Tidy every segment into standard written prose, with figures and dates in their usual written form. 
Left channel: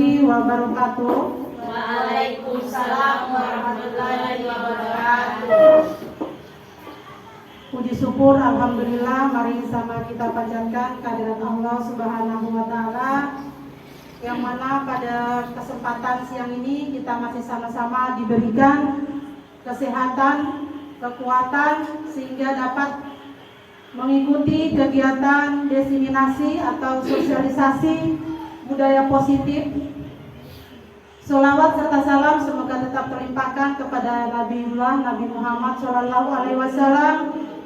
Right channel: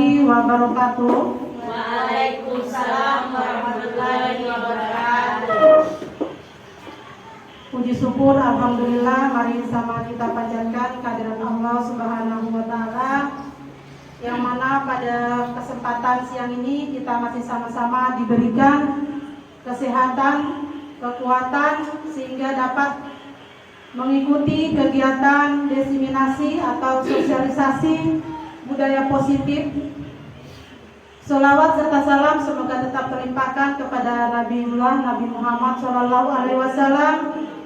warahmatullahi wabarakatuh. Waalaikumsalam warahmatullahi wabarakatuh. Puji syukur alhamdulillah, mari sama kita panjatkan kehadirat Allah Subhanahu wa taala, yang mana pada kesempatan siang ini kita masih sama-sama diberikan kesehatan, kekuatan sehingga dapat mengikuti kegiatan diseminasi atau sosialisasi budaya positif. Sholawat serta salam semoga tetap terlimpahkan kepada Nabi Muhammad SAW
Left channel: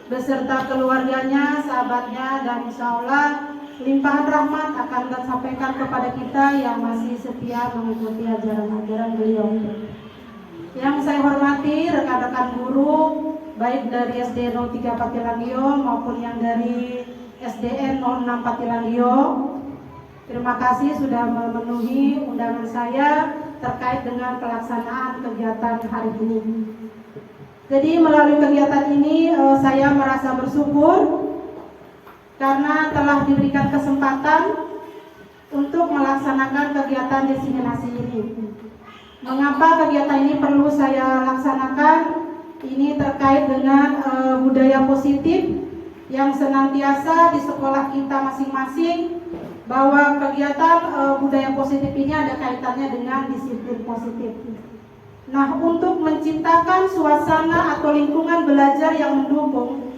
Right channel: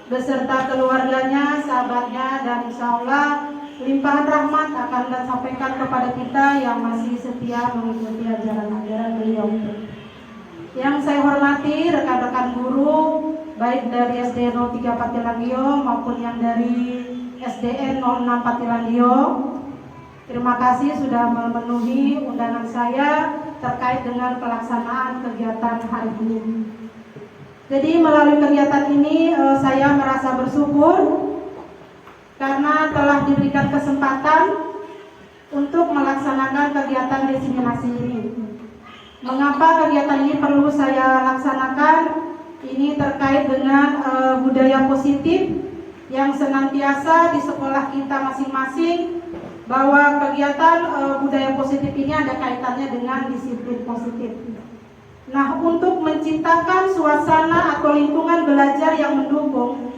beserta keluarganya, sahabatnya, dan insya Allah limpahan rahmat akan disampaikan kepada kita yang masih setia mengikuti ajaran-ajaran beliau. Yang saya hormati rekan-rekan guru baik dari SD 03 Patilandio maupun yang dari SDN 06 Patilandio. Terima kasih sudah memenuhi undangan saya terkait dengan pelaksanaan kegiatan hari ini. Jadi melalui kegiatan ini saya merasa bersyukur karena telah diberikan kesempatan untuk melaksanakan kegiatan diseminasi ini. Mengapa kegiatan ini perlu saya laksanakan? Ini terkait dengan budaya positif yang senantiasa di sekolah kita masing-masing, bahwa kegiatan budaya positif ini ada kaitannya dengan disiplin positif. Nah, untuk menciptakan suasana atau lingkungan belajar yang mendukung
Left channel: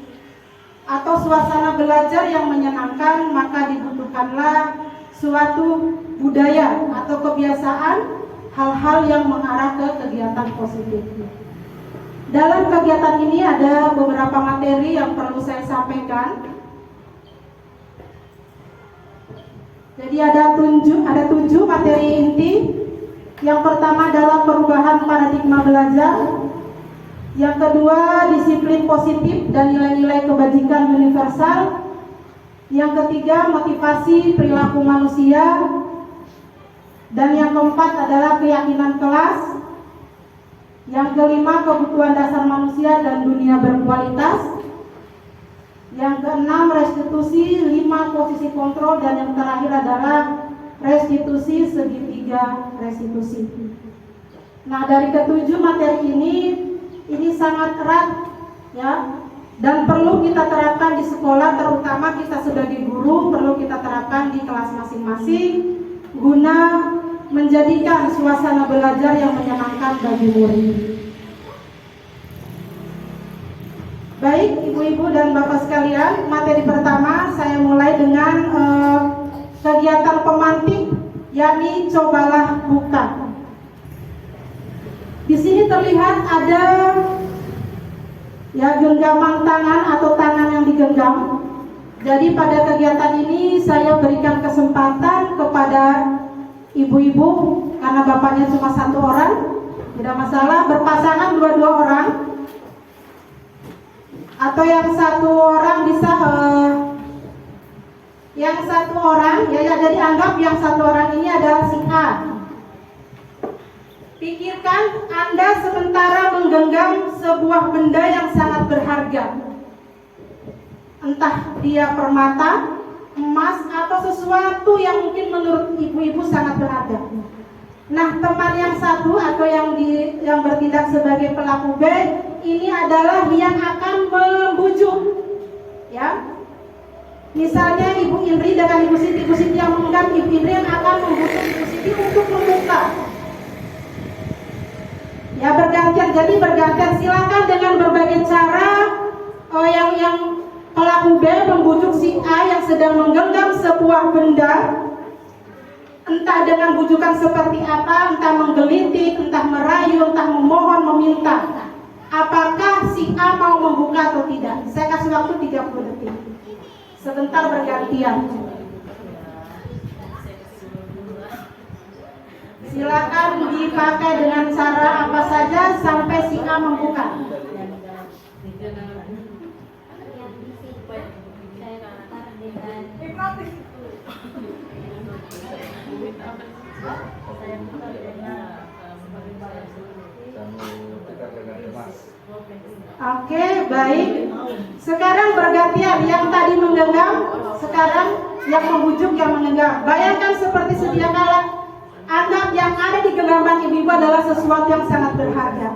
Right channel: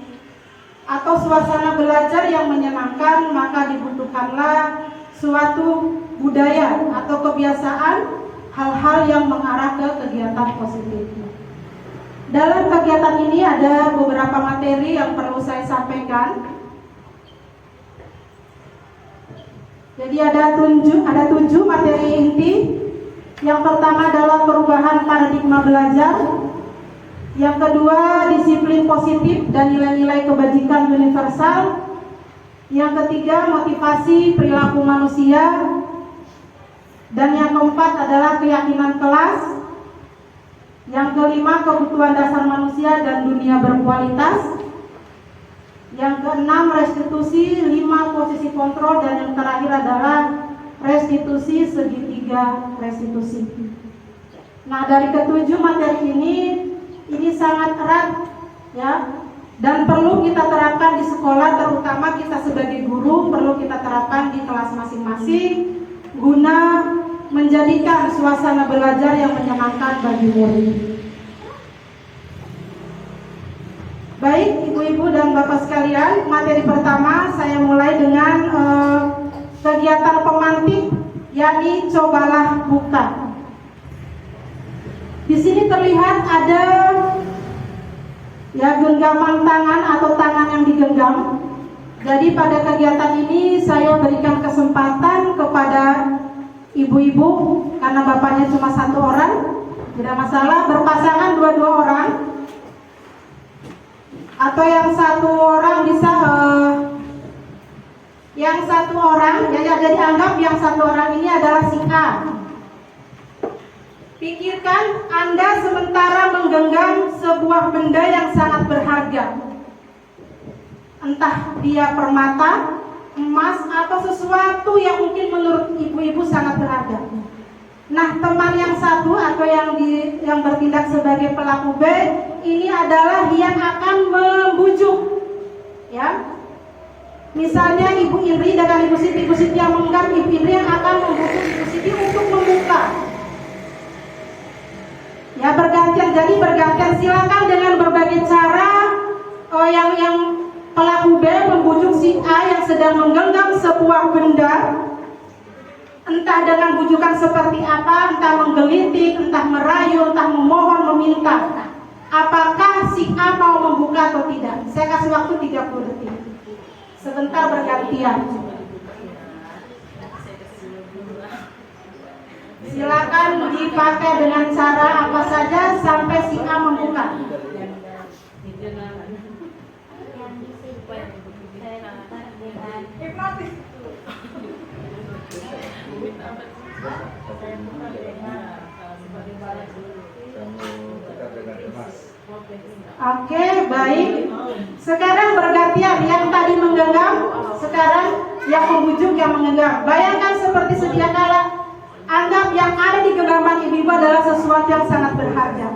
atau suasana belajar yang menyenangkan, maka dibutuhkanlah suatu budaya atau kebiasaan hal-hal yang mengarah ke kegiatan positif. Dalam kegiatan ini ada beberapa materi yang perlu saya sampaikan. Jadi ada 7 materi inti. Yang pertama adalah perubahan paradigma belajar. Yang kedua, disiplin positif dan nilai-nilai kebajikan universal. Yang ketiga, motivasi perilaku manusia. Dan yang keempat adalah keyakinan kelas. Yang kelima, kebutuhan dasar manusia dan dunia berkualitas. Yang keenam, restitusi, 5 posisi kontrol, dan yang terakhir adalah restitusi segitiga restitusi. Nah, dari ketujuh materi ini sangat erat ya, dan perlu kita terapkan di sekolah, terutama kita sebagai guru perlu kita terapkan di kelas masing-masing guna menjadikan suasana belajar yang menyenangkan bagi murid. Baik, ibu-ibu dan bapak sekalian, materi pertama saya mulai dengan kegiatan pemantik, yakni cobalah buka. Di sini terlihat ada ya genggaman tangan atau tangan yang digenggam. Jadi pada kegiatan ini saya berikan kesempatan kepada ibu-ibu, karena bapaknya cuma 1 orang, tidak masalah, berpasangan 2 orang. Atau yang 1 orang bisa yang 1 orang ya, jadi anggap yang 1 orang ini adalah si A. Pikirkan Anda sementara menggenggam sebuah benda yang sangat berharga, entah dia permata, emas, atau sesuatu yang mungkin menurut ibu-ibu sangat berharga. Nah, teman yang 1 atau yang bertindak sebagai pelaku B ini adalah yang akan membujuk, ya. Misalnya Ibu Indri dengan Ibu Siti yang menggenggam, Ibu Indri yang akan membujuk Ibu Siti untuk membuka. Ya, bergantian. Jadi bergantian, silakan dengan berbagai cara yang pelaku B membujuk si A yang sedang menggenggam sebuah benda. Entah dengan bujukan seperti apa, entah menggelitik, entah merayu, entah memohon, meminta. Apakah si A mau membuka atau tidak? Saya kasih waktu 30 detik. Sebentar bergantian. Silakan dipakai dengan cara apa saja sampai si A membuka. Hipnotis. Oke, baik. Sekarang bergantian, yang tadi menggenggam, sekarang yang membujuk, yang menggenggam. Bayangkan seperti sedia kala anggap yang ada di genggaman ibu-ibu adalah sesuatu yang sangat berharga.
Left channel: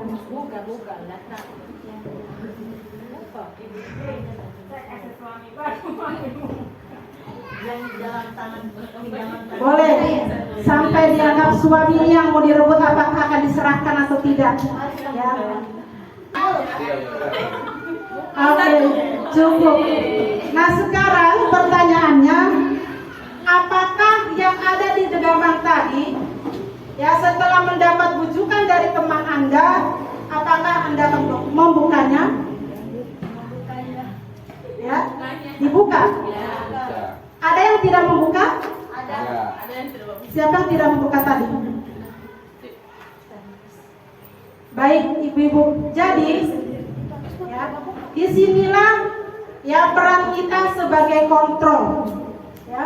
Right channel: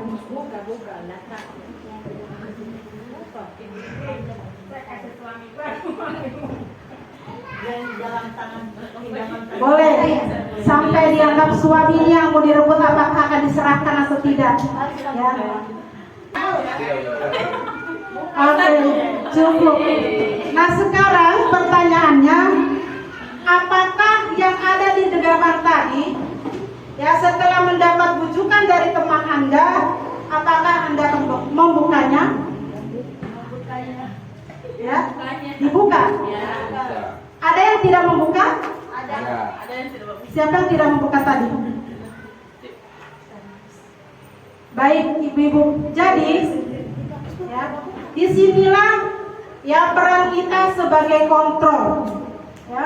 Boleh sampai dianggap suaminya yang mau direbut apakah akan diserahkan atau tidak, ya. Oke, cukup. Nah sekarang pertanyaannya, apakah yang ada di genggaman tadi, ya setelah mendapat bujukan dari teman Anda, apakah Anda membukanya? Ya, dibuka. Ada yang tidak membuka? Ada yang tidak membuka. Siapa yang tidak membuka tadi? Baik, ibu-ibu. Jadi, ya, disinilah ya peran kita sebagai kontrol. Ya.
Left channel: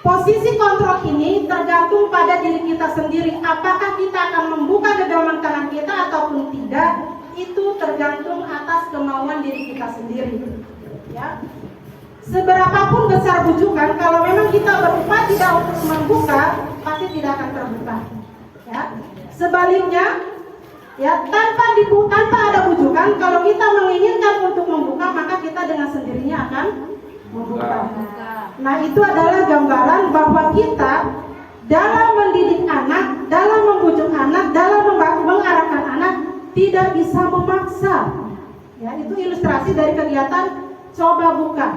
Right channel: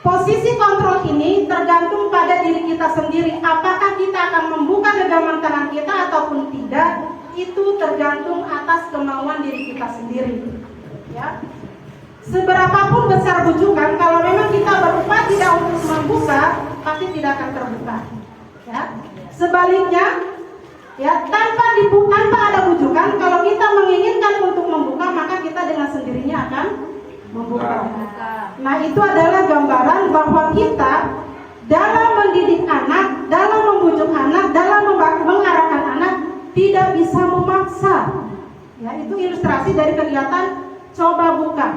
Posisi kontrol ini tergantung pada diri kita sendiri. Apakah kita akan membuka genggaman tangan kita ataupun tidak? Itu tergantung atas kemauan diri kita sendiri. Ya. Seberapapun besar bujukan, kalau memang kita berupaya tidak untuk membuka, pasti tidak akan terbuka. Ya. Sebaliknya, ya tanpa ada bujukan, kalau kita menginginkan untuk membuka, maka kita dengan sendirinya akan membuka. Nah, itu adalah gambaran bahwa kita dalam mendidik anak, dalam membujuk anak, dalam mengarahkan anak tidak bisa memaksa. Ya, itu ilustrasi dari kegiatan coba buka.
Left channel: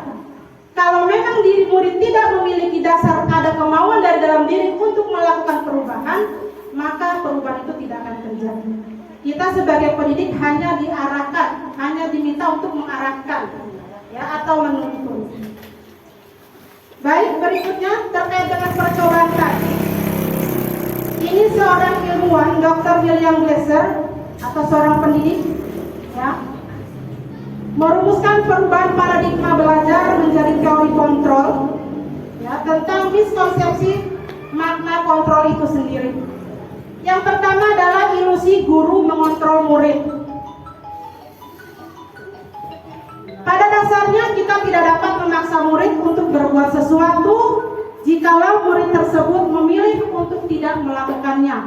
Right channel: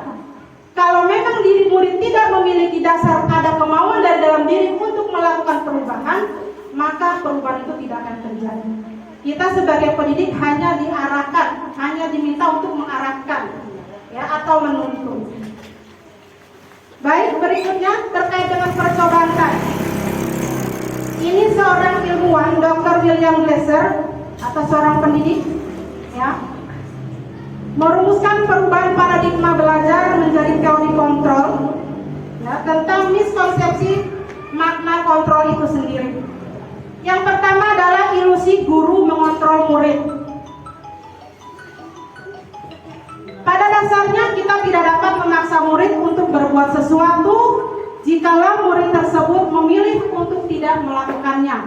Kalau memang diri murid tidak memiliki dasar ada kemauan dari dalam diri untuk melakukan perubahan, maka perubahan itu tidak akan terjadi. Kita sebagai pendidik hanya diarahkan, hanya diminta untuk mengarahkan, ya, atau menuntun. Baik, berikutnya terkait dengan percobaan tadi. Ini seorang ilmuwan, Dr. William Glasser, atau seorang pendidik, ya, merumuskan perubahan paradigma belajar menjadi teori kontrol, ya, tentang miskonsepsi makna kontrol itu sendiri. Yang pertama adalah ilusi guru mengontrol murid. Pada dasarnya kita tidak dapat memaksa murid untuk berbuat sesuatu jikalau murid tersebut memilih untuk tidak melakukannya.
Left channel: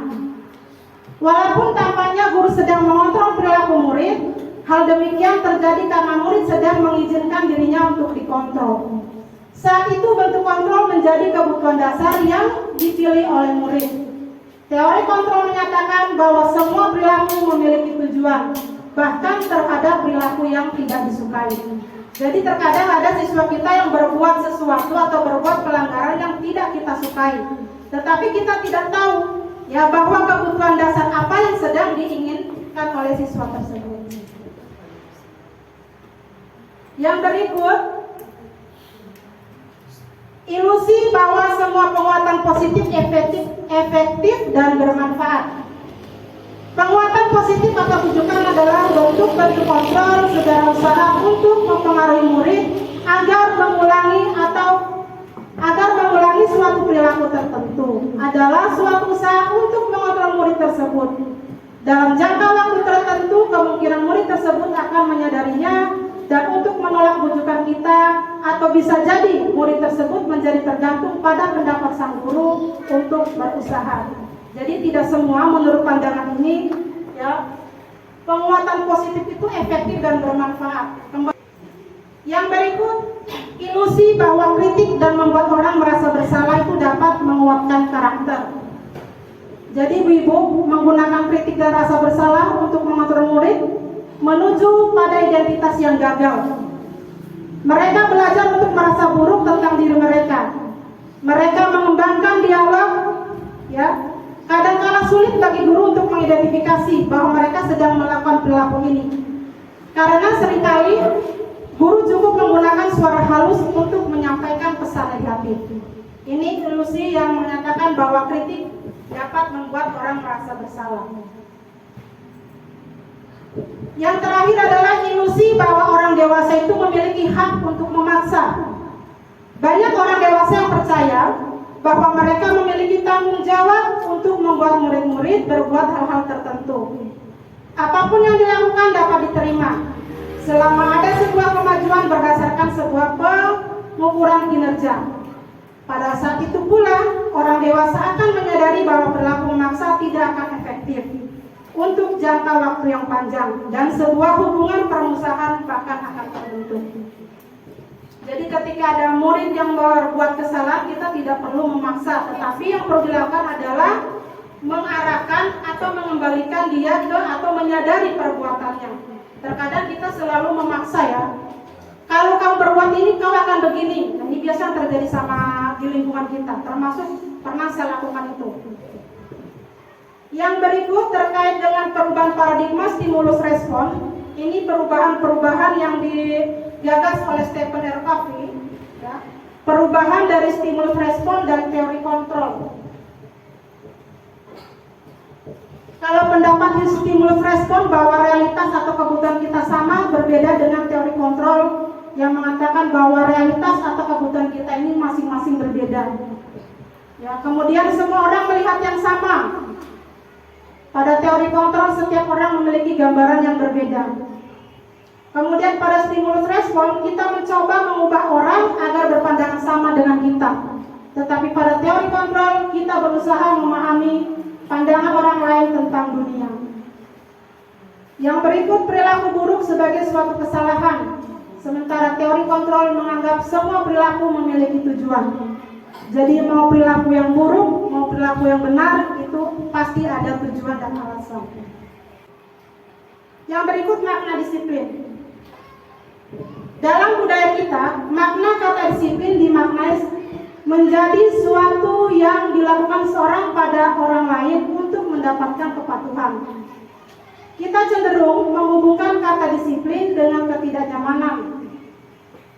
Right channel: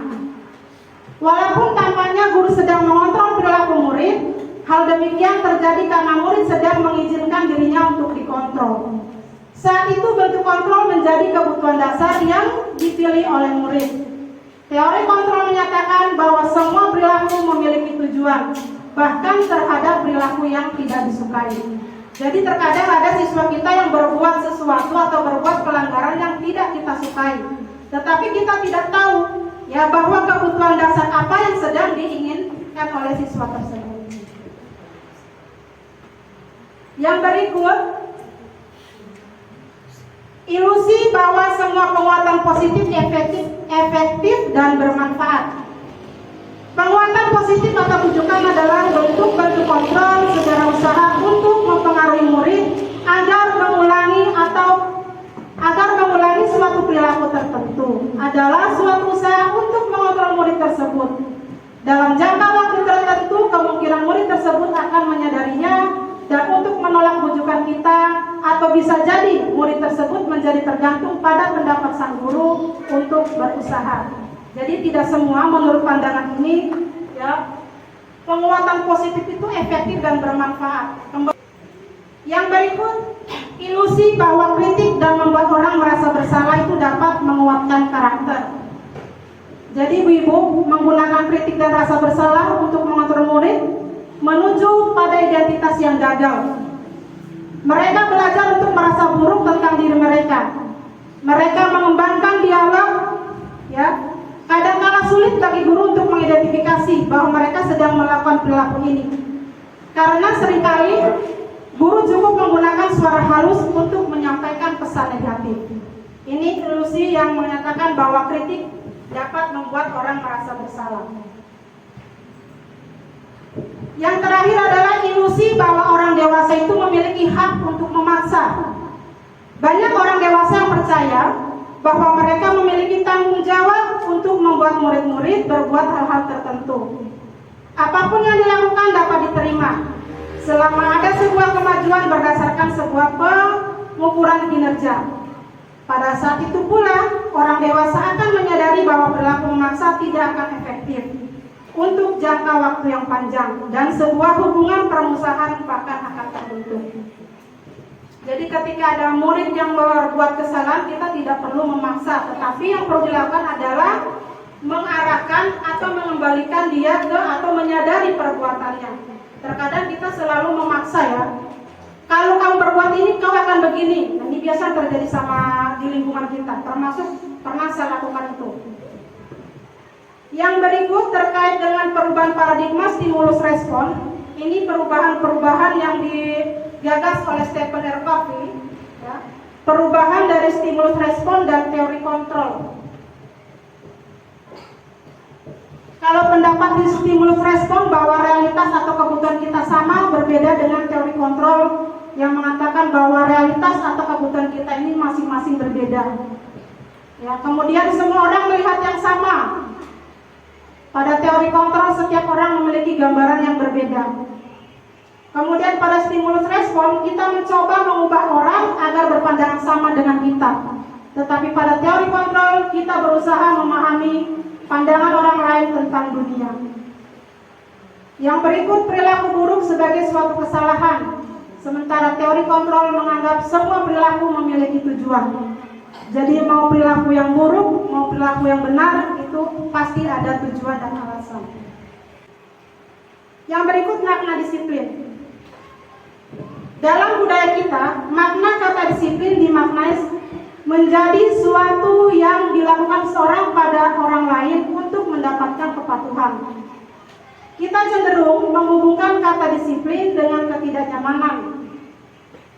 Walaupun tampaknya guru sedang mengontrol perilaku murid, hal demikian terjadi karena murid sedang mengizinkan dirinya untuk dikontrol. Saat itu bentuk kontrol menjadi kebutuhan dasar yang dipilih oleh murid. Teori kontrol menyatakan bahwa semua perilaku memiliki tujuan, bahkan terhadap perilaku yang tidak disukai. Jadi terkadang ada siswa kita yang berbuat sesuatu atau berbuat pelanggaran yang tidak kita sukai, tetapi kita tidak tahu, ya, bahwa kebutuhan dasar apa yang sedang diinginkan oleh siswa tersebut. Yang berikut, ilusi bahwa semua penguatan positif efektif dan bermanfaat. Penguatan positif atau bujukan adalah bentuk-bentuk kontrol segala usaha untuk mempengaruhi murid agar mengulangi suatu perilaku tertentu. Adalah suatu usaha untuk mengontrol murid tersebut. Dalam jangka waktu tertentu, kemungkinan murid tersebut akan menyadarinya dan untuk menolak bujukan kita, atau bisa jadi murid tersebut menjadi tergantung pada pendapat sang guru untuk berusaha. Jadi tidak semua menurut pandangan ini, ya, penguatan positif itu efektif dan bermanfaat. Yang berikut, ilusi bahwa kritik dan membuat orang merasa bersalah itu dapat menguatkan karakter. Jadi ibu menggunakan kritik dan rasa bersalah untuk mengontrol murid menuju pada identitas yang gagal. Mereka belajar untuk merasa buruk tentang diri mereka. Mereka mengembangkan dialog, ya. Kadang-kala sulit bagi guru untuk mengidentifikasi bahwa mereka sedang melakukan perilaku ini. Karena seringkali guru cukup menggunakan suara halus untuk menyampaikan pesan negatif. Ini ilusi yang mengatakan bahwa kritik dapat membuat orang merasa bersalah. Yang terakhir adalah ilusi bahwa orang dewasa itu memiliki hak untuk memaksa. Banyak orang dewasa yang percaya bahwa mereka memiliki tanggung jawab untuk membuat murid-murid berbuat hal-hal tertentu. Apapun yang dilakukan dapat diterima selama ada sebuah kemajuan berdasarkan sebuah pengukuran kinerja. Pada saat itu pula, orang dewasa akan menyadari bahwa perilaku memaksa tidak akan efektif untuk jangka waktu yang panjang dan sebuah hubungan permusuhan bahkan akan terbentuk. Jadi ketika ada murid yang berbuat kesalahan, kita tidak perlu memaksa, tetapi yang perlu dilakukan adalah mengarahkan atau mengembalikan dia ke atau menyadari perbuatannya. Terkadang kita selalu memaksa ya. Kalau kamu berbuat ini, kau akan begini. Nah, ini biasa terjadi sama di lingkungan kita, termasuk pernah saya lakukan itu. Yang berikut terkait dengan perubahan paradigma stimulus respon. Ini perubahan-perubahan yang digagas oleh Stephen R. Covey, ya. Perubahan dari stimulus respon dan teori kontrol. Kalau pendapat di stimulus respon bahwa realitas atau kebutuhan kita sama, berbeda dengan teori kontrol yang mengatakan bahwa realitas atau kebutuhan kita ini masing-masing berbeda. Ya, kemudian semua orang melihat yang sama. Pada teori kontrol setiap orang memiliki gambaran yang berbeda. Kemudian pada stimulus respon kita mencoba mengubah orang agar berpandangan sama dengan kita. Tetapi pada teori kontrol kita berusaha memahami pandangan orang lain tentang dunia. Yang berikut perilaku buruk sebagai suatu kesalahan. Sementara teori kontrol menganggap semua perilaku memiliki tujuan. Jadi mau perilaku yang buruk, mau perilaku yang benar, itu pasti ada tujuan dan alasan. Yang berikut makna disiplin. Dalam budaya kita, makna kata disiplin dimaknai menjadi suatu yang dilakukan seorang pada orang lain untuk mendapatkan kepatuhan. Kita cenderung menghubungkan kata disiplin dengan ketidaknyamanan.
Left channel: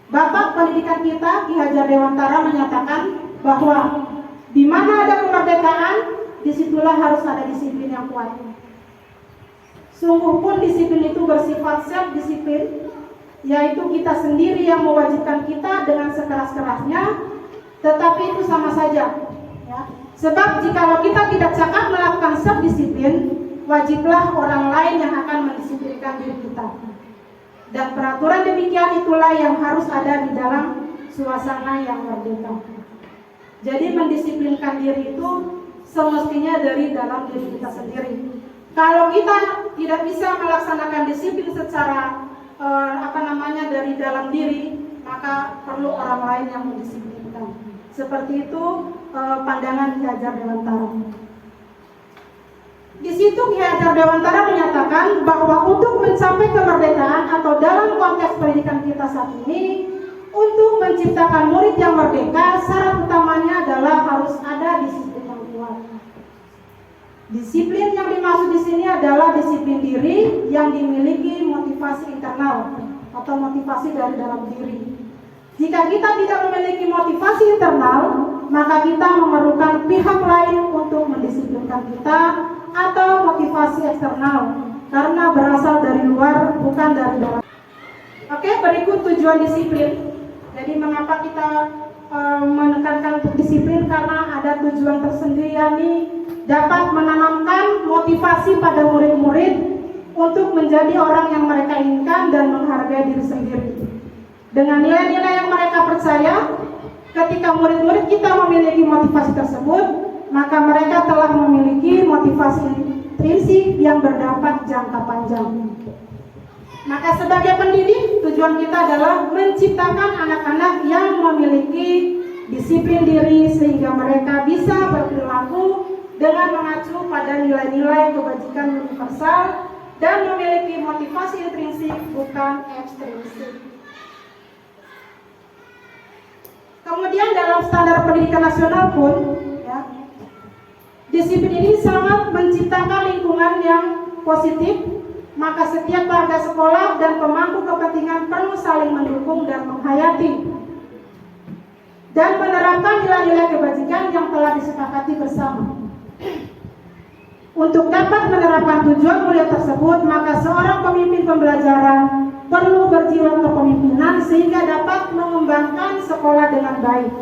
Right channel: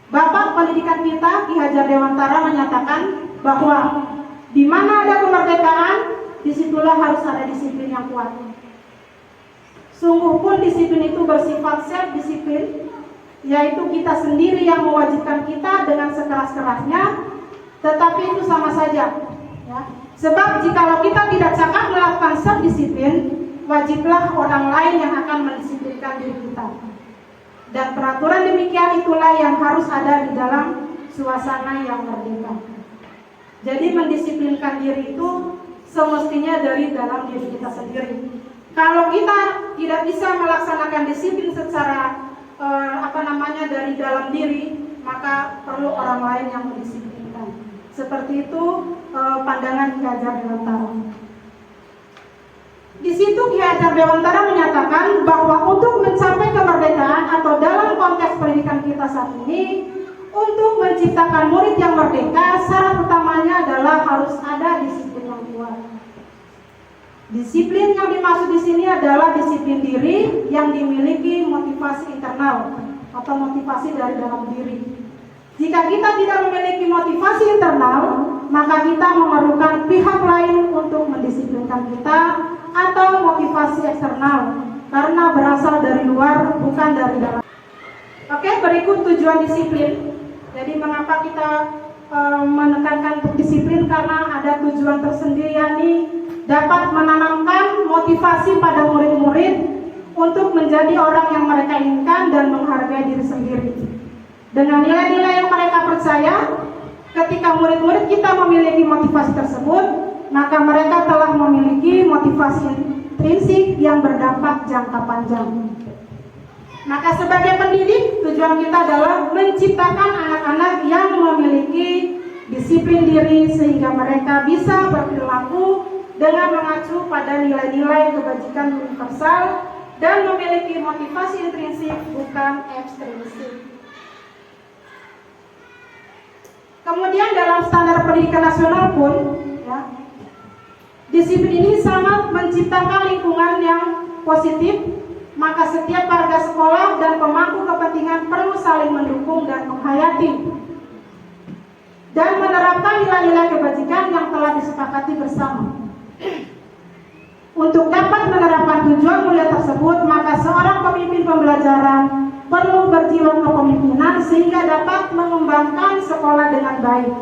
Bapak pendidikan kita, Ki Hajar Dewantara, menyatakan bahwa di mana ada kemerdekaan, disitulah harus ada disiplin yang kuat. Sungguh pun disiplin itu bersifat self-disiplin, yaitu kita sendiri yang mewajibkan kita dengan sekeras-kerasnya, tetapi itu sama saja. Ya. Sebab jika kita tidak cakap melakukan self-disiplin, wajiblah orang lain yang akan mendisiplinkan diri kita. Dan peraturan demikian itulah yang harus ada di dalam suasana yang merdeka. Jadi mendisiplinkan diri itu semestinya dari dalam diri kita sendiri. Kalau kita tidak bisa melaksanakan disiplin secara dari dalam diri, maka perlu orang lain yang mendisiplinkan. Seperti itu pandangan Ki Hajar Dewantara. Di situ Ki Hajar Dewantara menyatakan bahwa untuk mencapai kemerdekaan atau dalam konteks pendidikan kita saat ini, untuk menciptakan murid yang merdeka, syarat utamanya adalah harus ada disiplin yang kuat. Disiplin yang dimaksud di sini adalah disiplin diri yang dimiliki motivasi internal atau motivasi dari dalam diri. Jika kita tidak memiliki motivasi internal, maka kita memerlukan pihak lain untuk mendisiplinkan kita, atau motivasi eksternal karena berasal dari luar, bukan dari dalam. Oke, berikut tujuan disiplin. Jadi mengapa kita menekankan untuk disiplin? Karena ada tujuan tersendiri, yakni dapat menanamkan motivasi pada murid-murid untuk menjadi orang yang mereka inginkan dan menghargai diri sendiri. Dengan nilai-nilai yang mereka percaya, ketika murid-murid kita memiliki motivasi tersebut, maka mereka telah memiliki motivasi intrinsik yang berdampak jangka panjang. Maka sebagai pendidik, tujuan kita adalah menciptakan anak-anak yang memiliki disiplin diri sehingga mereka bisa berperilaku dengan mengacu pada nilai-nilai kebajikan universal dan memiliki motivasi intrinsik, bukan ekstrinsik. Kemudian dalam standar pendidikan nasional pun, ya, disiplin ini sangat menciptakan lingkungan yang positif. Maka setiap warga sekolah dan pemangku kepentingan perlu saling mendukung dan menghayati dan menerapkan nilai-nilai kebajikan yang telah disepakati bersama. Untuk dapat menerapkan tujuan mulia tersebut, maka seorang pemimpin pembelajaran perlu berjiwa kepemimpinan sehingga dapat mengembangkan sekolah dengan baik,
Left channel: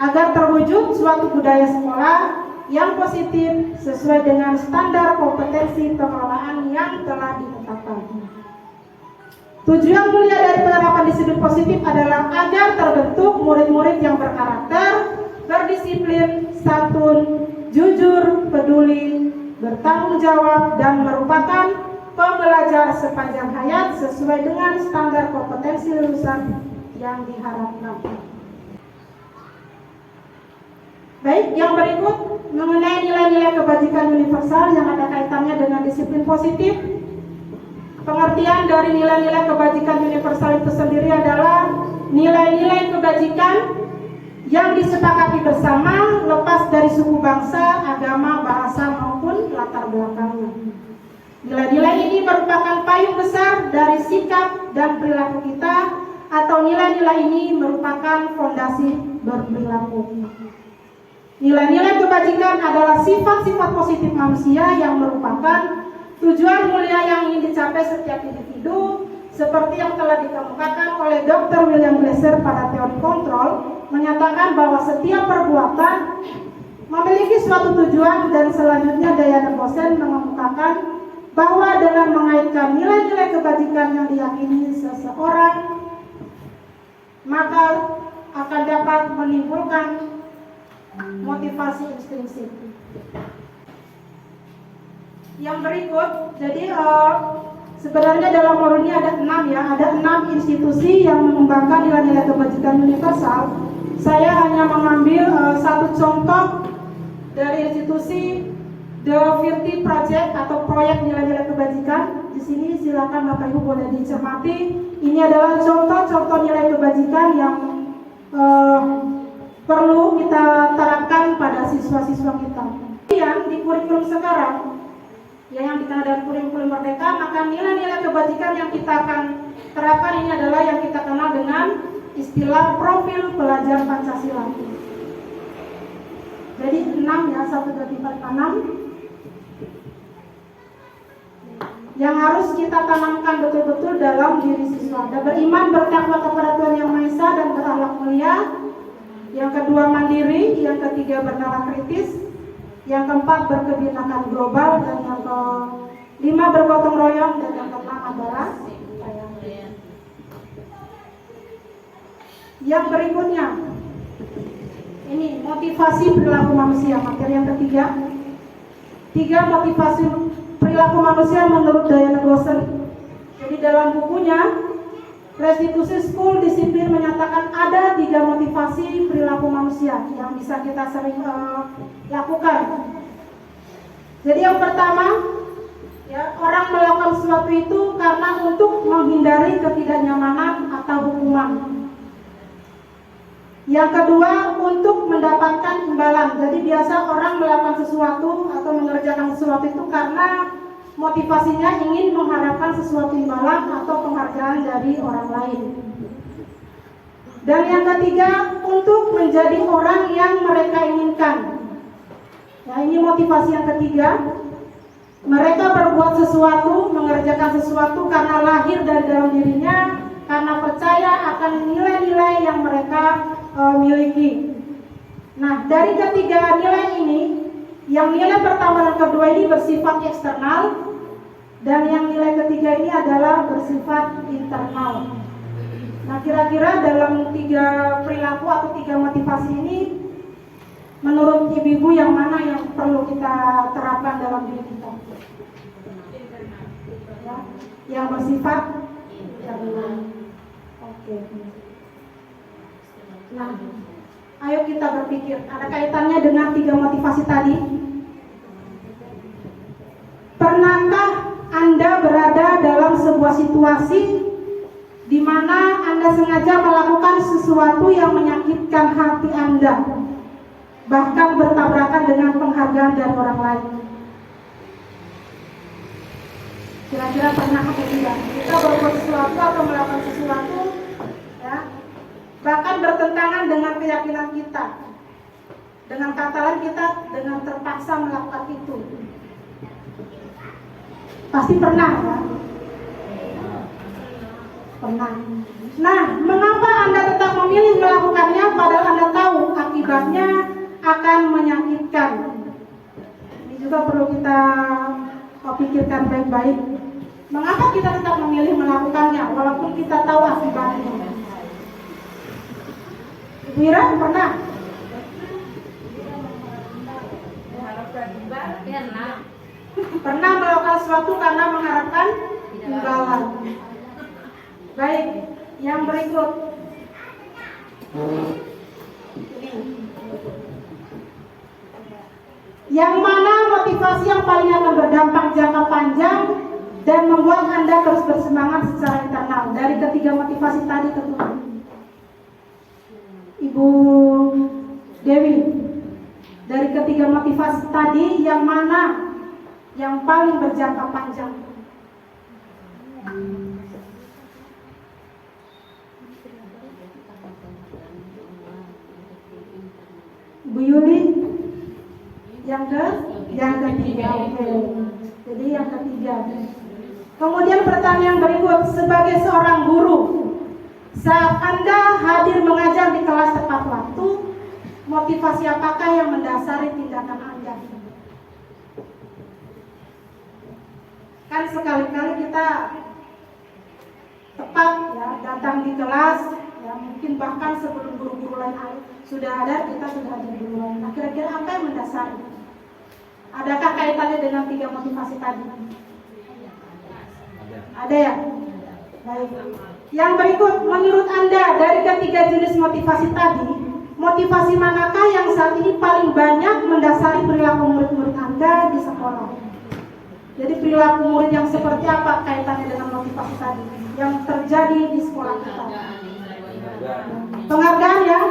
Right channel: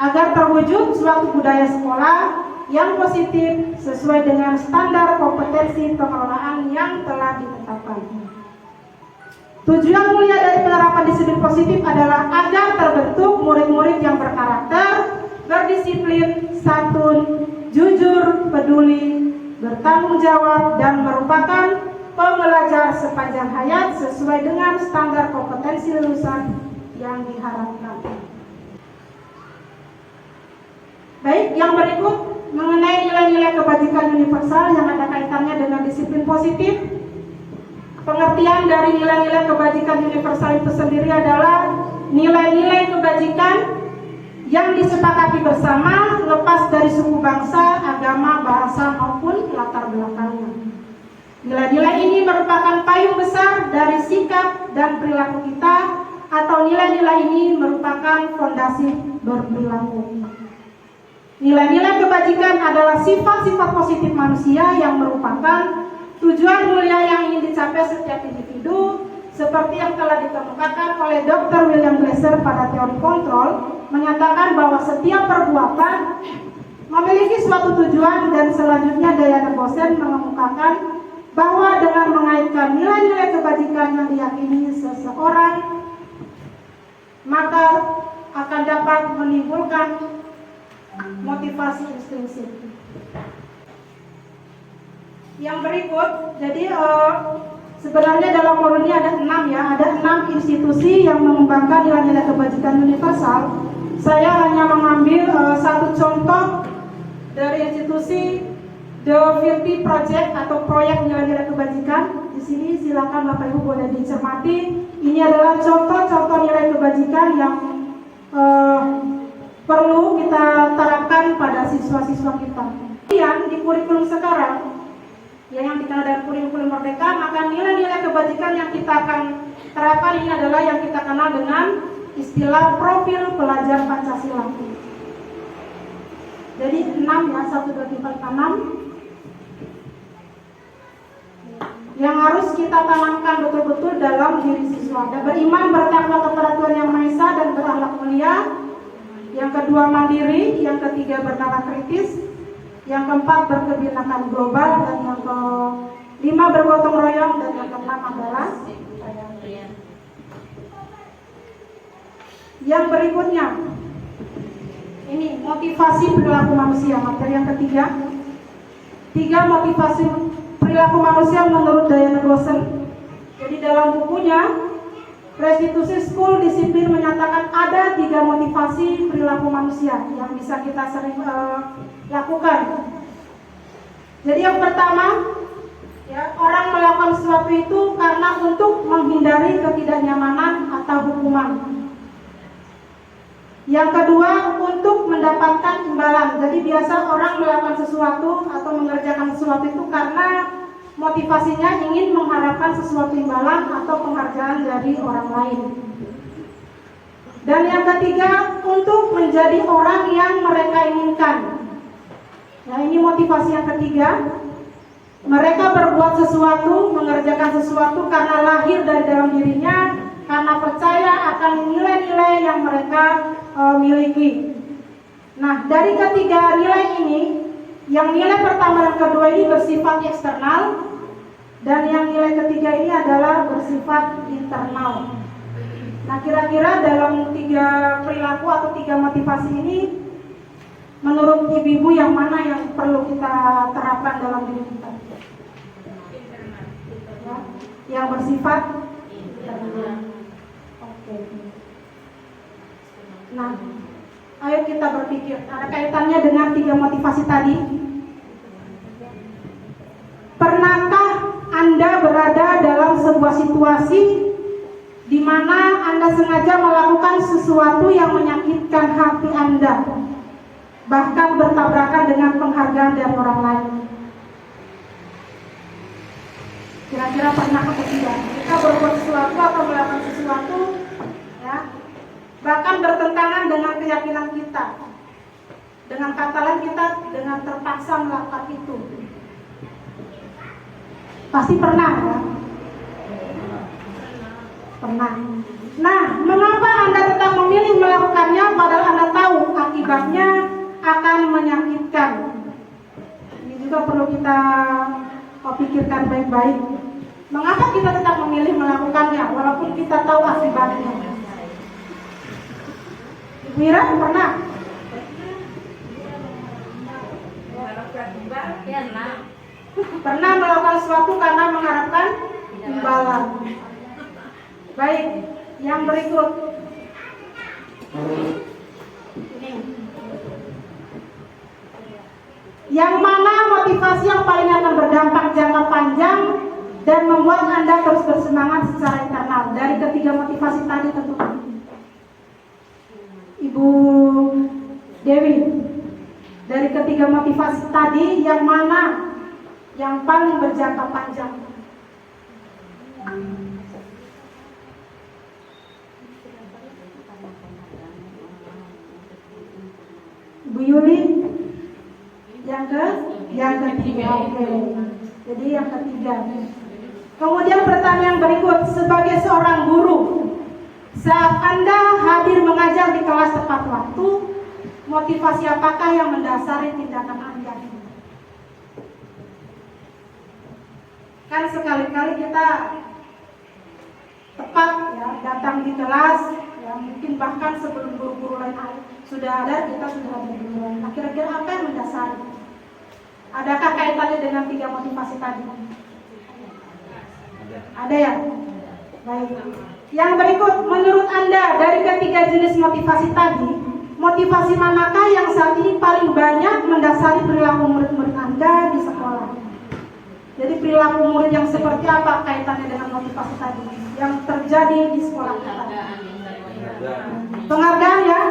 agar terwujud suatu budaya sekolah yang positif sesuai dengan standar kompetensi pengelolaan yang telah ditetapkan. Tujuan mulia dari penerapan disiplin positif adalah agar terbentuk murid-murid yang berkarakter, berdisiplin, santun, jujur, peduli, bertanggung jawab, dan merupakan pembelajar sepanjang hayat sesuai dengan standar kompetensi lulusan yang diharapkan. Baik, yang berikut mengenai nilai-nilai kebajikan universal yang ada kaitannya dengan disiplin positif. Pengertian dari nilai-nilai kebajikan universal itu sendiri adalah nilai-nilai kebajikan yang disepakati bersama lepas dari suku bangsa, agama, bahasa maupun latar belakangnya. Nilai-nilai ini merupakan payung besar dari sikap dan perilaku kita, atau nilai-nilai ini merupakan fondasi berperilaku. Nilai-nilai kebajikan adalah sifat-sifat positif manusia yang merupakan tujuan mulia yang ingin dicapai setiap individu, seperti yang telah dikemukakan oleh Dr. William Glasser pada teori kontrol, menyatakan bahwa setiap perbuatan memiliki suatu tujuan, dan selanjutnya Diana Boston mengemukakan bahwa dengan mengaitkan nilai-nilai kebajikan yang diyakini seseorang, maka akan dapat menimbulkan motivasi intrinsik. Yang berikut, jadi sebenarnya dalam modul ini ada 6 ya, ada 6 institusi yang mengembangkan nilai-nilai kebajikan universal. Saya hanya mengambil satu contoh dari institusi The Virtue Project atau proyek nilai-nilai kebajikan. Di sini silakan Bapak Ibu boleh dicermati. Ini adalah contoh-contoh nilai kebajikan yang perlu kita terapkan pada siswa-siswa kita. Kemudian di kurikulum sekarang, yang dikenal dengan kurikulum merdeka, maka nilai-nilai kebajikan yang kita akan terapkan ini adalah yang kita kenal dengan istilah profil pelajar Pancasila. Jadi 6 ya, 1, 2, 3, 4, 6 yang harus kita tanamkan betul-betul dalam diri siswa. Dan beriman, bertakwa kepada Tuhan Yang Maha Esa dan berakhlak mulia. Yang kedua mandiri, yang ketiga bernalar kritis, yang keempat berkebinekaan global, dan yang kelima bergotong royong, dan yang keenam adalah yang berikutnya. Ini motivasi perilaku manusia, materi yang ketiga. 3 motivasi perilaku manusia menurut Diana Boston. Jadi dalam bukunya Restitusi School Disiplin menyatakan ada 3 motivasi perilaku manusia yang bisa kita sering lakukan. Jadi yang pertama, ya, orang melakukan sesuatu itu karena untuk menghindari ketidaknyamanan atau hukuman. Yang kedua, untuk mendapatkan imbalan. Jadi biasa orang melakukan sesuatu atau mengerjakan sesuatu itu karena motivasinya ingin mengharapkan sesuatu imbalan atau penghargaan dari orang lain. Dan yang ketiga, untuk menjadi orang yang mereka inginkan. Nah, ini motivasi yang ketiga. Mereka berbuat sesuatu, mengerjakan sesuatu karena lahir dari dalam dirinya, karena percaya akan nilai-nilai yang mereka miliki. Nah, dari ketiga nilai ini, yang nilai pertama dan kedua ini bersifat eksternal, dan yang nilai ketiga ini adalah bersifat internal. Nah, kira-kira dalam 3 perilaku atau 3 motivasi ini, menurut ibu-ibu yang mana yang perlu kita terapkan dalam diri kita? Ya, yang bersifat internal. Oke. Nah, ayo kita berpikir, ada kaitannya dengan 3 motivasi tadi. Pernahkah Anda berada dalam sebuah situasi di mana Anda sengaja melakukan sesuatu yang menyakitkan hati Anda, bahkan bertabrakan dengan penghargaan dari orang lain? Kira-kira pernah atau tidak? Kita berbuat sesuatu atau melakukan sesuatu, ya, bahkan bertentangan dengan keyakinan kita, dengan kata lain kita dengan terpaksa melakukan itu. Pasti pernah, ya? Pernah. Nah, mengapa Anda tetap memilih melakukannya padahal Anda tahu akibatnya akan menyakitkan? Ini juga perlu kita pikirkan baik-baik. Mengapa kita tetap memilih melakukannya walaupun kita tahu akibatnya? Mira pernah? Pernah melakukan sesuatu karena mengharapkan imbalan. Baik, yang berikut. Ini. Yang mana motivasi yang paling akan berdampak jangka panjang dan membuat Anda terus bersemangat secara internal? Dari ketiga motivasi tadi tentunya. Ibu Dewi, dari ketiga motivasi tadi yang mana yang paling berjangka panjang? Bu Yuli, yang ketiga, oke. Jadi yang ketiga. Kemudian pertanyaan berikut, sebagai seorang guru, saat Anda hadir mengajar di kelas tepat waktu, motivasi apakah yang mendasari tindakan Anda? Kan sekali-kali kita tepat ya datang di kelas, ya mungkin bahkan sebelum guru-guru lain sudah ada, kita sudah ada duluan. Nah, kira-kira apa yang mendasari? Adakah kaitannya dengan tiga motivasi tadi? Ada ya? Baik. Yang berikut, menurut Anda dari ketiga jenis motivasi tadi, motivasi manakah yang saat ini paling banyak mendasari perilaku murid-murid Anda di sekolah? Jadi perilaku murid yang seperti apa kaitannya dengan motivasi tadi yang terjadi di sekolah kita? Penghargaan ya?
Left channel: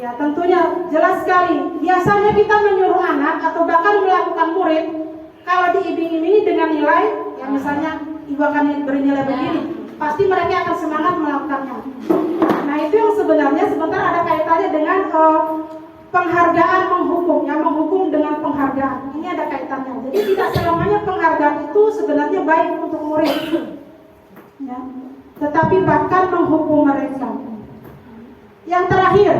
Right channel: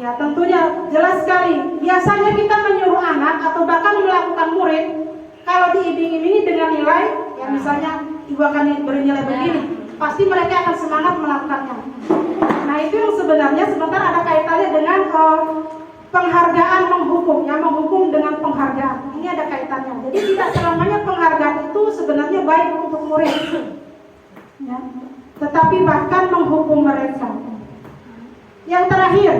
Ya tentunya jelas sekali. Biasanya kita menyuruh anak atau bahkan melakukan murid kalau diiming-imingi dengan nilai, ya misalnya ibu akan beri nilai begini, pasti mereka akan semangat melakukannya. Nah itu yang sebenarnya sebentar ada kaitannya dengan penghargaan menghukum, yang menghukum dengan penghargaan. Ini ada kaitannya. Jadi tidak selamanya penghargaan itu sebenarnya baik untuk murid, ya. Tetapi bahkan menghukum mereka. Yang terakhir,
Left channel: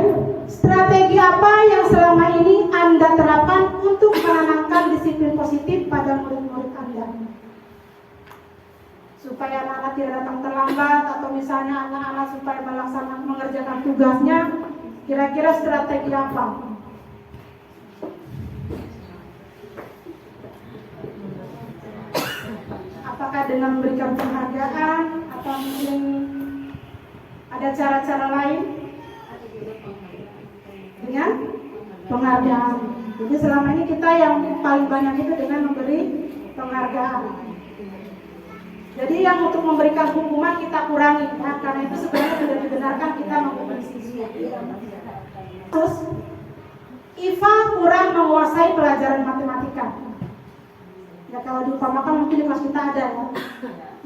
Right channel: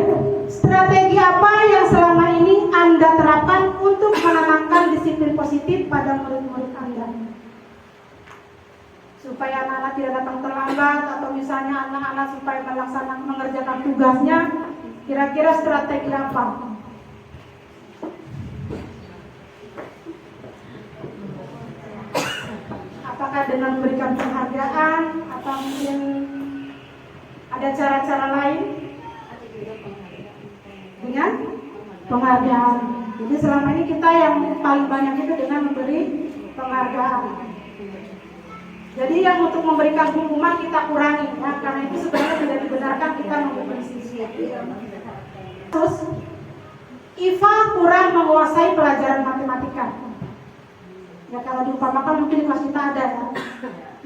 strategi apa yang selama ini Anda terapkan untuk menanamkan disiplin positif pada murid-murid Anda? Supaya anak-anak tidak datang terlambat, atau misalnya anak-anak supaya mengerjakan tugasnya, kira-kira strategi apa? Apakah dengan memberikan penghargaan, atau mungkin ada cara-cara lain? Dengan penghargaan. Jadi selama ini kita yang paling banyak itu dengan memberi penghargaan. Jadi yang untuk memberikan hukuman kita kurangi, ya, karena itu sebenarnya tidak dibenarkan kita menghukum siswa. Terus, Iva kurang menguasai pelajaran matematika. Ya kalau diumpamakan mungkin di kelas kita ada ya,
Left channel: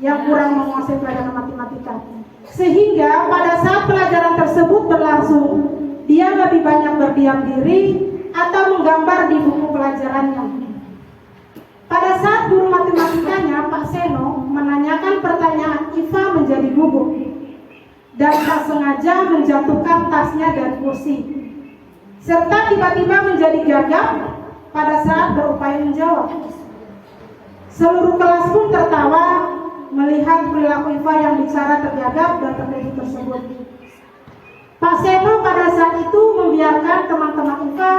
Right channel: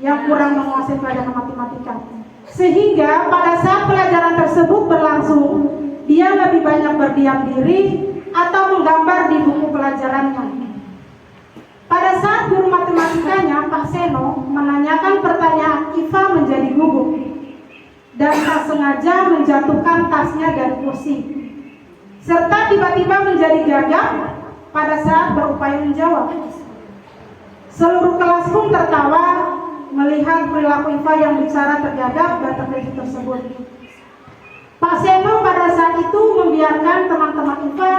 yang kurang menguasai pelajaran matematika. Sehingga pada saat pelajaran tersebut berlangsung, dia lebih banyak berdiam diri atau menggambar di buku pelajarannya. Pada saat guru matematikanya, Pak Seno, menanyakan pertanyaan, Iva menjadi gugup dan tak sengaja menjatuhkan tasnya dari kursi, serta tiba-tiba menjadi gagap pada saat berupaya menjawab. Seluruh kelas pun tertawa melihat perilaku Iva yang bicara tergagap dan terkejut tersebut. Pak Seno pada saat itu membiarkan teman-teman Iva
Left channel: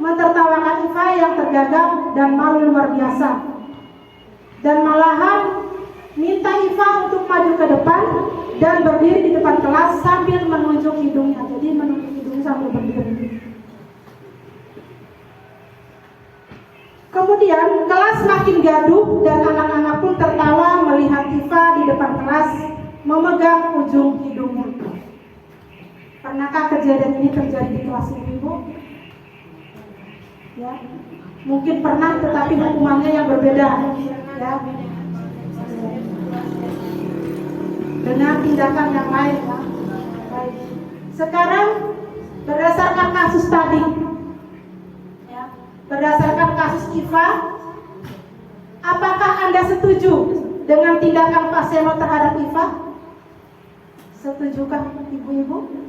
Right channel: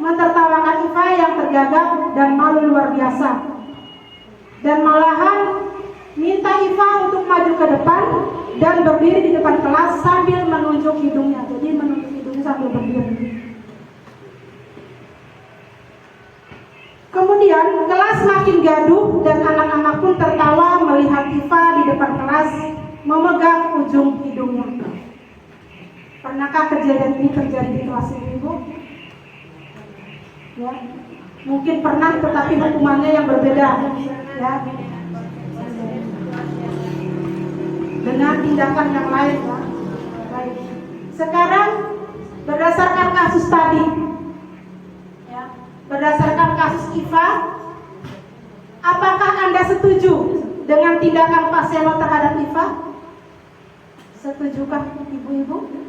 mentertawakan Iva yang tergagap dan malu luar biasa, dan malahan minta Iva untuk maju ke depan dan berdiri di depan kelas sambil menunjuk hidungnya. Jadi menunjuk hidungnya sambil berdiri. Kemudian kelas makin gaduh dan anak-anak pun tertawa melihat Iva di depan kelas memegang ujung hidungnya. Pernahkah kejadian ini terjadi di kelas ini, Bu? Ya, mungkin pernah, tetapi hukumannya yang berbeda, ya, dengan tindakan yang lain, ya. Baik. Sekarang berdasarkan kasus tadi, ya, berdasarkan kasus Iva, apakah Anda setuju dengan tindakan Pak Seno terhadap Iva? Setujukah ibu-ibu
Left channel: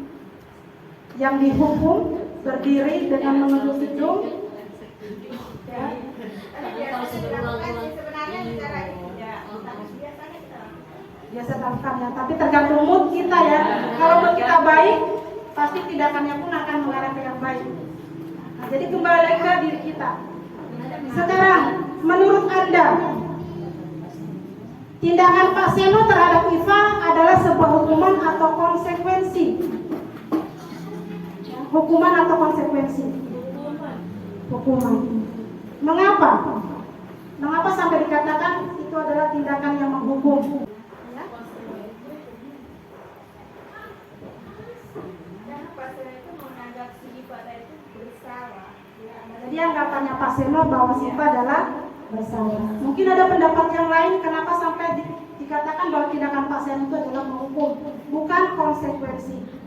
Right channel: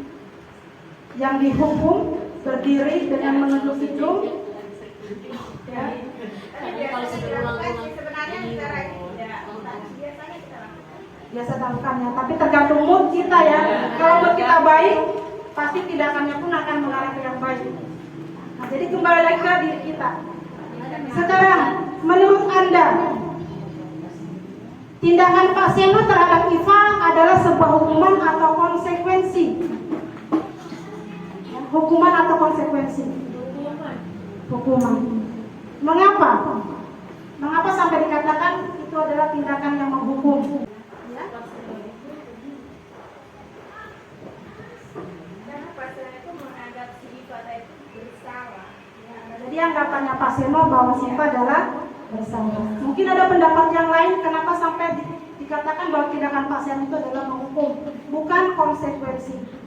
yang dihukum berdiri dengan menunduk hidung? Ya. Biasa lakukannya, tapi tergantung mood kita ya. Kalau mood kita baik, pasti tindakannya pun akan mengarah ke yang baik. Nah, jadi kembali lagi ke diri kita. Sekarang, menurut Anda, tindakan Pak Seno terhadap Iva adalah sebuah hukuman atau konsekuensi? Hukuman atau konsekuensi? Hukuman. Mengapa? Mengapa sampai dikatakan itu adalah tindakan yang menghukum? Ya? Karena Pak Seno itu menganggap si Iva itu bersalah. Jadi anggapannya Pak Seno bahwa si Iva adalah bersalah. Mungkin ada pendapat yang lain kenapa sampai dikatakan bahwa tindakan Pak Seno itu adalah menghukum, bukan konsekuensi.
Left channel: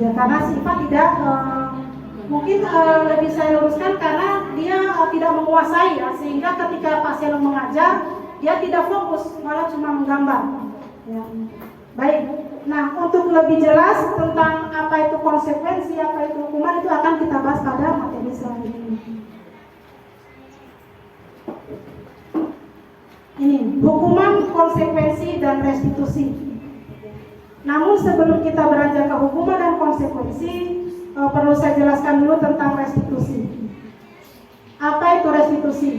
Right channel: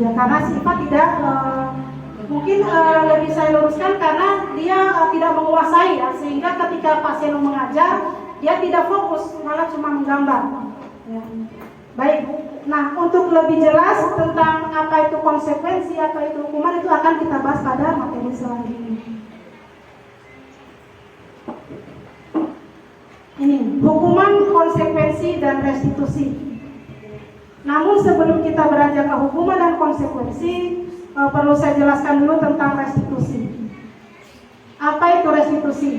Ya karena si Iva tidak mungkin lebih saya luruskan karena dia tidak menguasai ya, sehingga ketika Pak Seno mengajar dia tidak fokus, malah cuma menggambar ya. Baik, nah untuk lebih jelas tentang apa itu konsekuensi, apa itu hukuman, itu akan kita bahas pada materi selanjutnya. Ini hukuman, konsekuensi, dan restitusi. Namun sebelum kita beranjak ke hukuman dan konsekuensi, perlu saya jelaskan dulu tentang restitusi. Apa itu restitusi?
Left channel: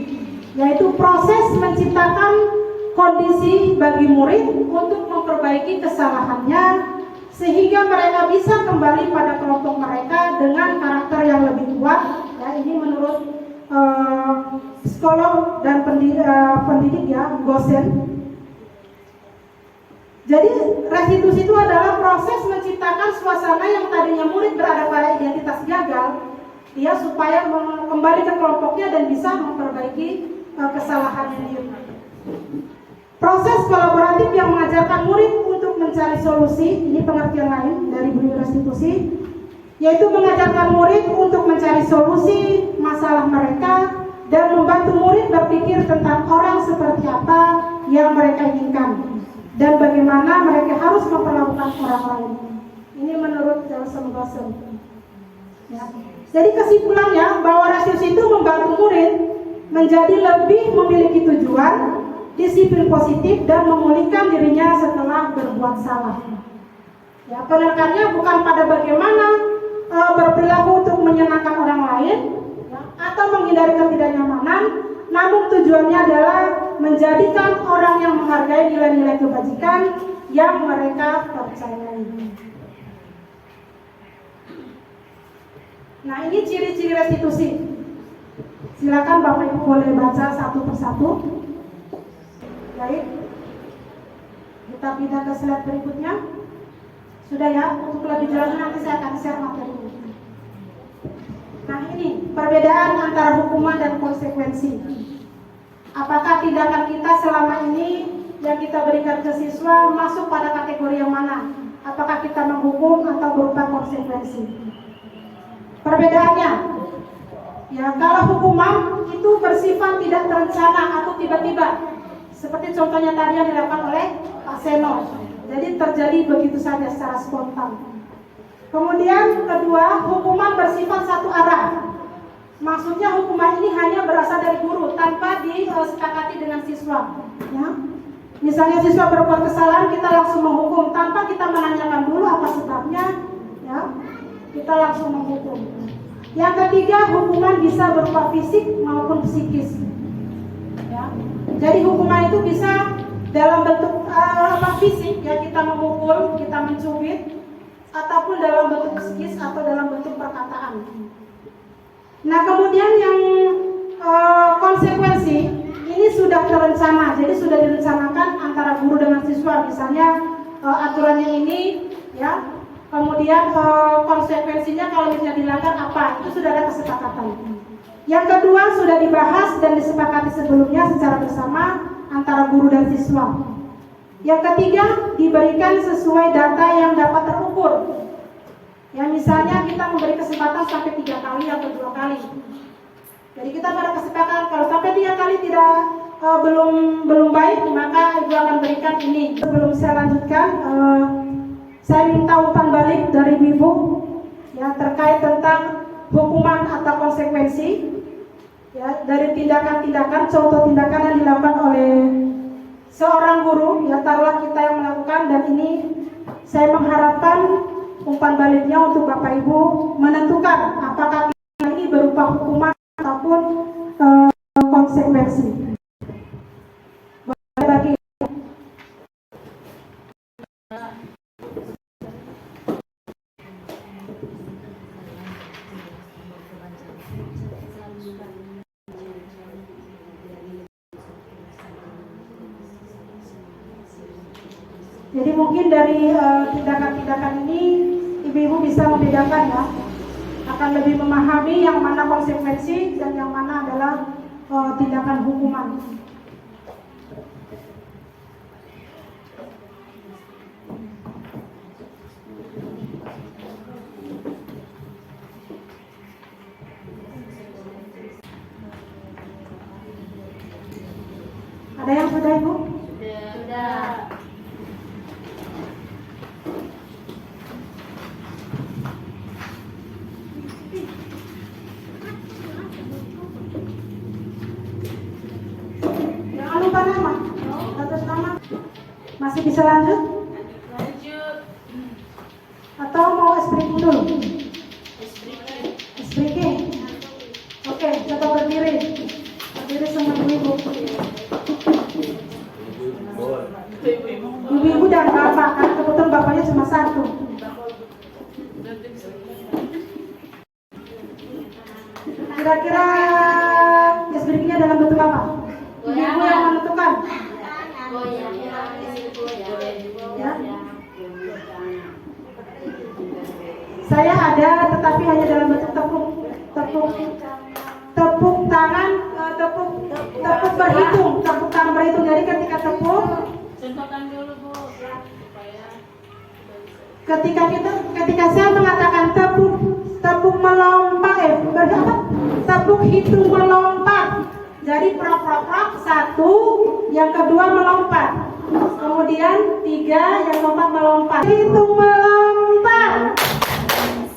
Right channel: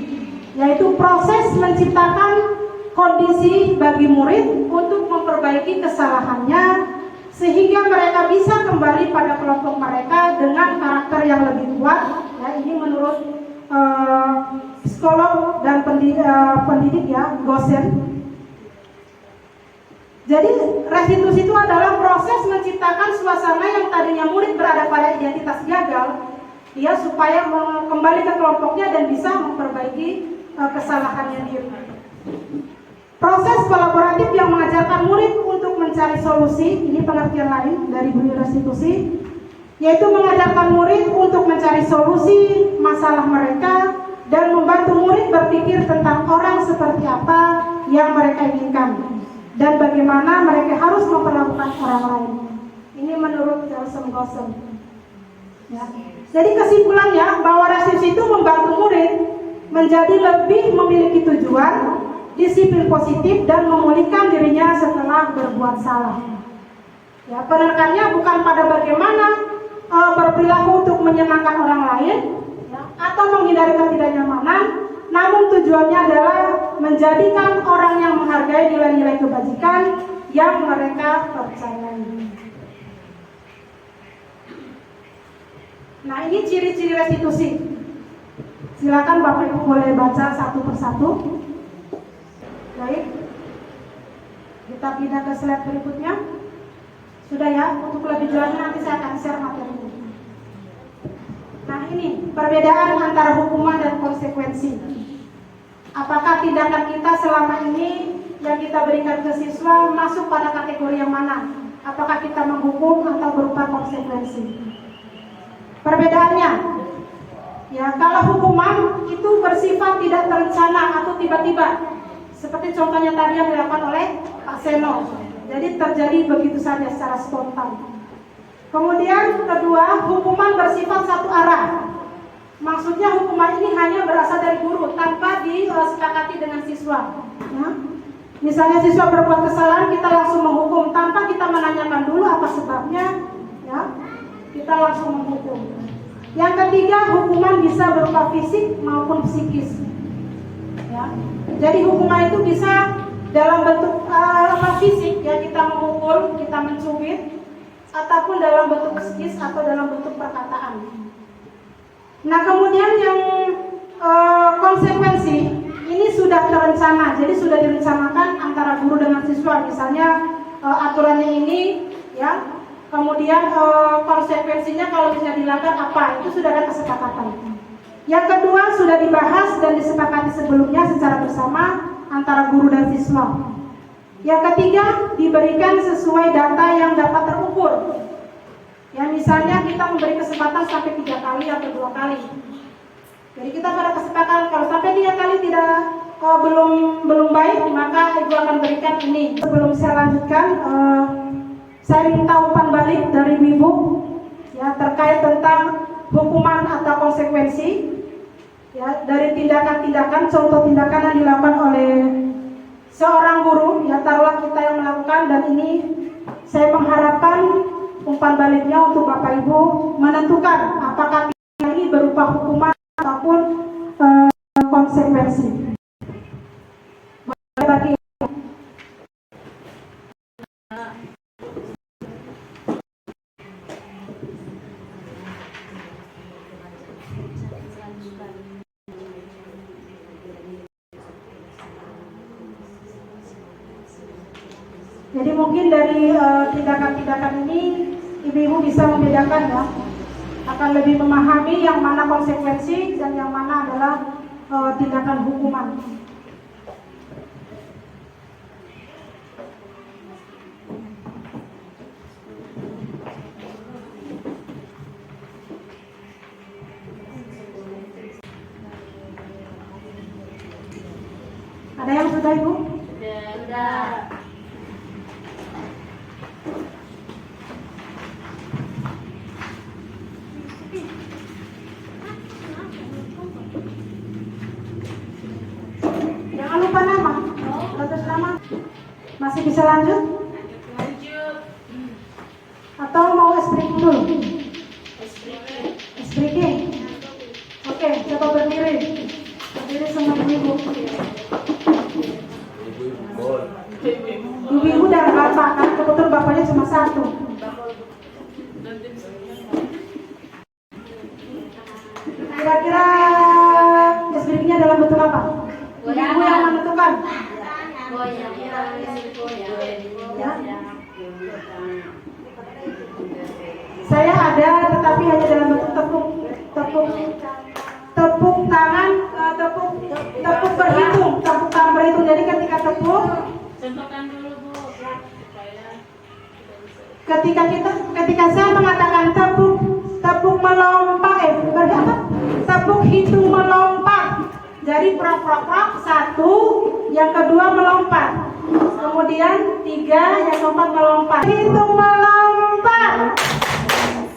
Yaitu proses menciptakan kondisi bagi murid untuk memperbaiki kesalahannya sehingga mereka bisa kembali pada kelompok mereka dengan karakter yang lebih kuat. Ya, ini menurut psikolog dan pendidik ya, Gosen. Jadi restitusi itu adalah proses menciptakan suasana yang tadinya murid berada pada identitas gagal, dia supaya kembali ke kelompoknya dan bisa memperbaiki kesalahannya dia. Proses kolaboratif yang mengajarkan murid untuk mencari solusi, ini pengertian lain dari bunyi restitusi, yaitu mengajarkan murid untuk mencari solusi masalah mereka dan membantu murid berpikir tentang orang seperti apa yang mereka inginkan dan bagaimana mereka harus memperlakukan orang lain. Ini menurut Nelson Gossen. Ya. Jadi kesimpulannya bahwa restitusi itu membantu murid menjadi lebih memiliki tujuan, disiplin positif, dan memulihkan dirinya setelah berbuat salah. Ya, penekannya bukan pada bagaimana berperilaku untuk menyenangkan orang lain ya, atau menghindari ketidaknyamanan, namun tujuannya adalah menjadikan orang yang menghargai nilai-nilai kebajikan yang mereka percayai. Nah, ini ciri-ciri restitusi. Silakan Bapak Ibu boleh baca satu persatu. Baik, kita pindah ke slide berikutnya. Sudah ya, untuk lebih jelasnya nanti saya akan share materi. Nah, ini perbedaan antara hukuman dan konsekuensi. Apakah tindakan kita selama ini yang kita berikan ke siswa masuk pada kategori yang mana? Apakah kita menghukum atau berupa konsekuensi? Perbedaannya, ya kalau hukuman itu bersifat tidak terencana atau tiba-tiba, seperti contohnya tadi yang dilakukan oleh Pak Seno. Jadi terjadi begitu saja secara spontan. Kemudian kedua, hukuman bersifat satu arah. Maksudnya hukuman ini hanya berasal dari guru tanpa disepakati dengan siswa. Ya. Misalnya siswa berbuat kesalahan, kita langsung menghukum tanpa kita menanyakan dulu apa sebabnya. Ya. Kita langsung menghukum. Yang ketiga, hukuman bisa berupa fisik maupun psikis. Ya. Jadi hukuman itu bisa dalam bentuk fisik, ya kita memukul, kita mencubit, ataupun dalam bentuk psikis atau dalam bentuk perkataan. Nah, kemudian yang konsekuensi ini sudah terencana, jadi sudah direncanakan antara guru dengan siswa. Misalnya aturannya ini, ya. Kemudian konsekuensinya kalau misalnya dilanggar apa, itu sudah ada kesepakatan. Yang kedua sudah dibahas dan disepakati sebelumnya secara bersama antara guru dan siswa. Yang ketiga diberikan sesuai data yang dapat terukur. Ya, misalnya kita memberi kesempatan sampai 3 kali atau 2 kali. Jadi kita pada kesepakatan kalau sampai 3 kali tidak belum baik, maka ibu akan berikan ini. Sebelum saya lanjutkan, saya minta umpan balik dari ibu ya terkait tentang hukuman atau konsekuensi ya dari tindakan-tindakan, contoh tindakan yang dilakukan oleh seorang guru, ya taruhlah kita yang melakukan dan ini Saya mengharapkan umpan baliknya untuk Bapak Ibu menentukan apakah ini berupa hukuman ataupun konsekuensi. Bagi jadi mungkin dari tindakan-tindakan ini ibu-ibu bisa membedakan ya, akan lebih memahami yang mana konsekuensi dan yang mana adalah tindakan hukuman. Ada yang sudah, Ibu? Sudah. Jangan lupa nama, atas nama. Masih bisa lanjut? Lanjut. Atau mau speaking dulu? Speaking. Oke, coba berdiri. Berdiri semua ibu. Ibu-ibu dan bapak, kan kebetulan bapaknya cuma satu. Kira-kira speakingnya dalam bentuk apa? Ibu yang menentukan. Ya. Saya ada, tetapi hanya dalam bentuk tepuk tangan, tepuk berhitung, tepuk tangan berhitung. Jadi ketika tepuk, Contohkan dulu Bu. ketika saya mengatakan tepuk melompat, berapa? Tepuk hitung melompat. Jadi prok satu, yang kedua melompat. Kemudian tiga, yang keempat melompat. Hitung melompat.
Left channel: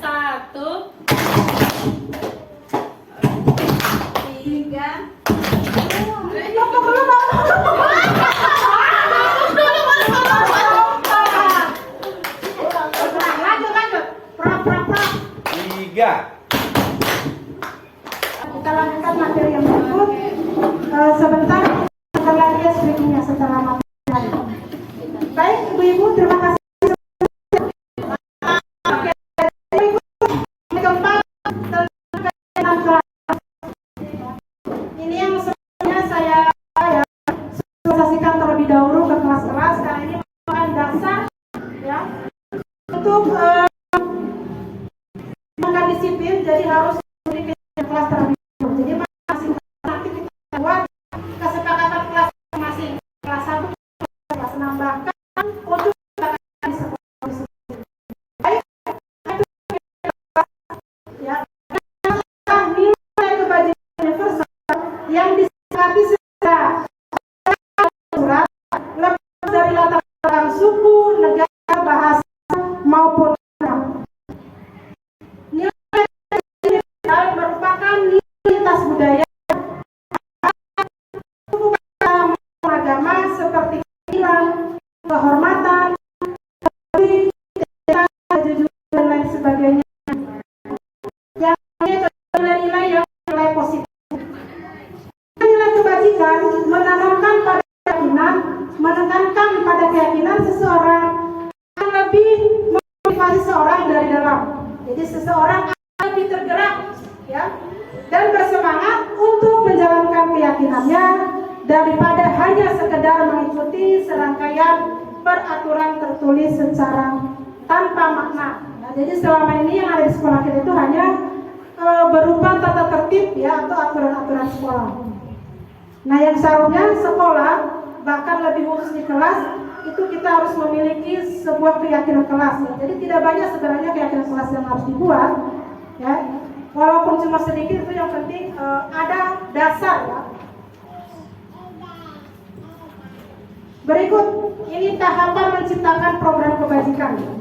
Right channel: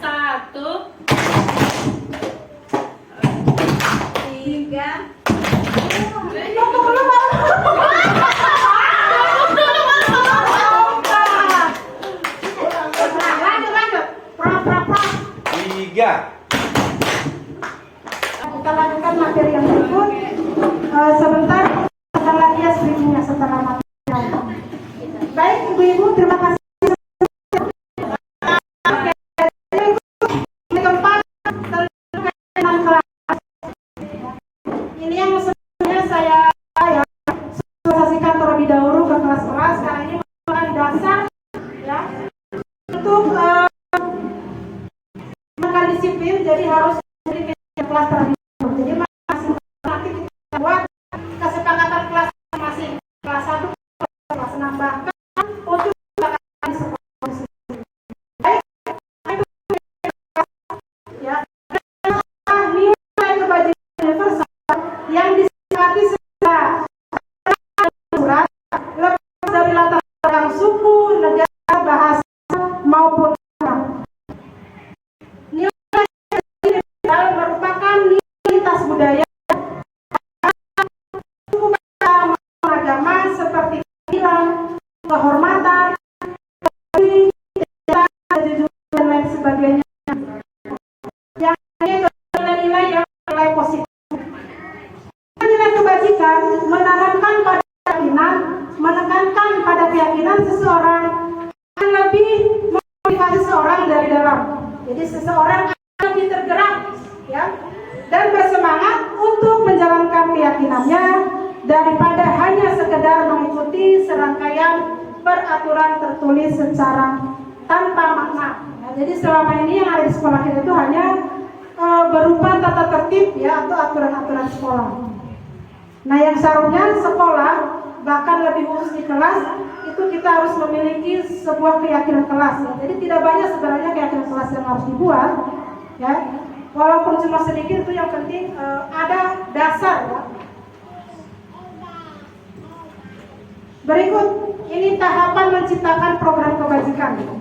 1, 3. Lanjut. Prok. 3. Kita lanjutkan materi yang berikut. Sebentar, kita lihat screeningnya setelah materi. Baik, ibu-ibu, terima kasih. Ini yang sebenarnya saya sosialisasikan terlebih dahulu ke kelas-kelas karena ini merupakan dasar ya untuk menggunakan disiplin, jadi harus memiliki kelas terlebih dahulu. Jadi masing nanti kita buat kesepakatan kelas masing kelas 1 kelas 6 bahkan untuk di sekolah. Baik, ya. Nilai kebajikan universal yang disepakati secara surat lepas dari latar belakang suku, negara, bahasa maupun agama. Nilai ini merupakan nilai lintas budaya suku, agama seperti keadilan, kehormatan, dan lain sebagainya. Yang ini nilai-nilai yang nilai positif. Nilai kebajikan menekankan pada keyakinan seseorang yang lebih memotivasi seseorang dari dalam. Jadi seseorang akan lebih tergerak ya dan bersemangat untuk menjalankan keyakinannya daripada hanya sekedar mengikuti serangkaian peraturan tertulis secara tanpa makna. Nah, jadi selama ini yang ada di sekolah kita itu hanya berupa tata tertib ya atau aturan-aturan sekolah. Nah, yang seharusnya sekolah bahkan lebih khusus di kelas itu kita harus memiliki sebuah keyakinan kelas ya. Jadi tidak banyak sebenarnya keyakinan kelas yang harus dibuat ya. Walaupun cuma sedikit itu yang penting ada dasar ya. Berikut ini tahapan menciptakan program kebajikan ya.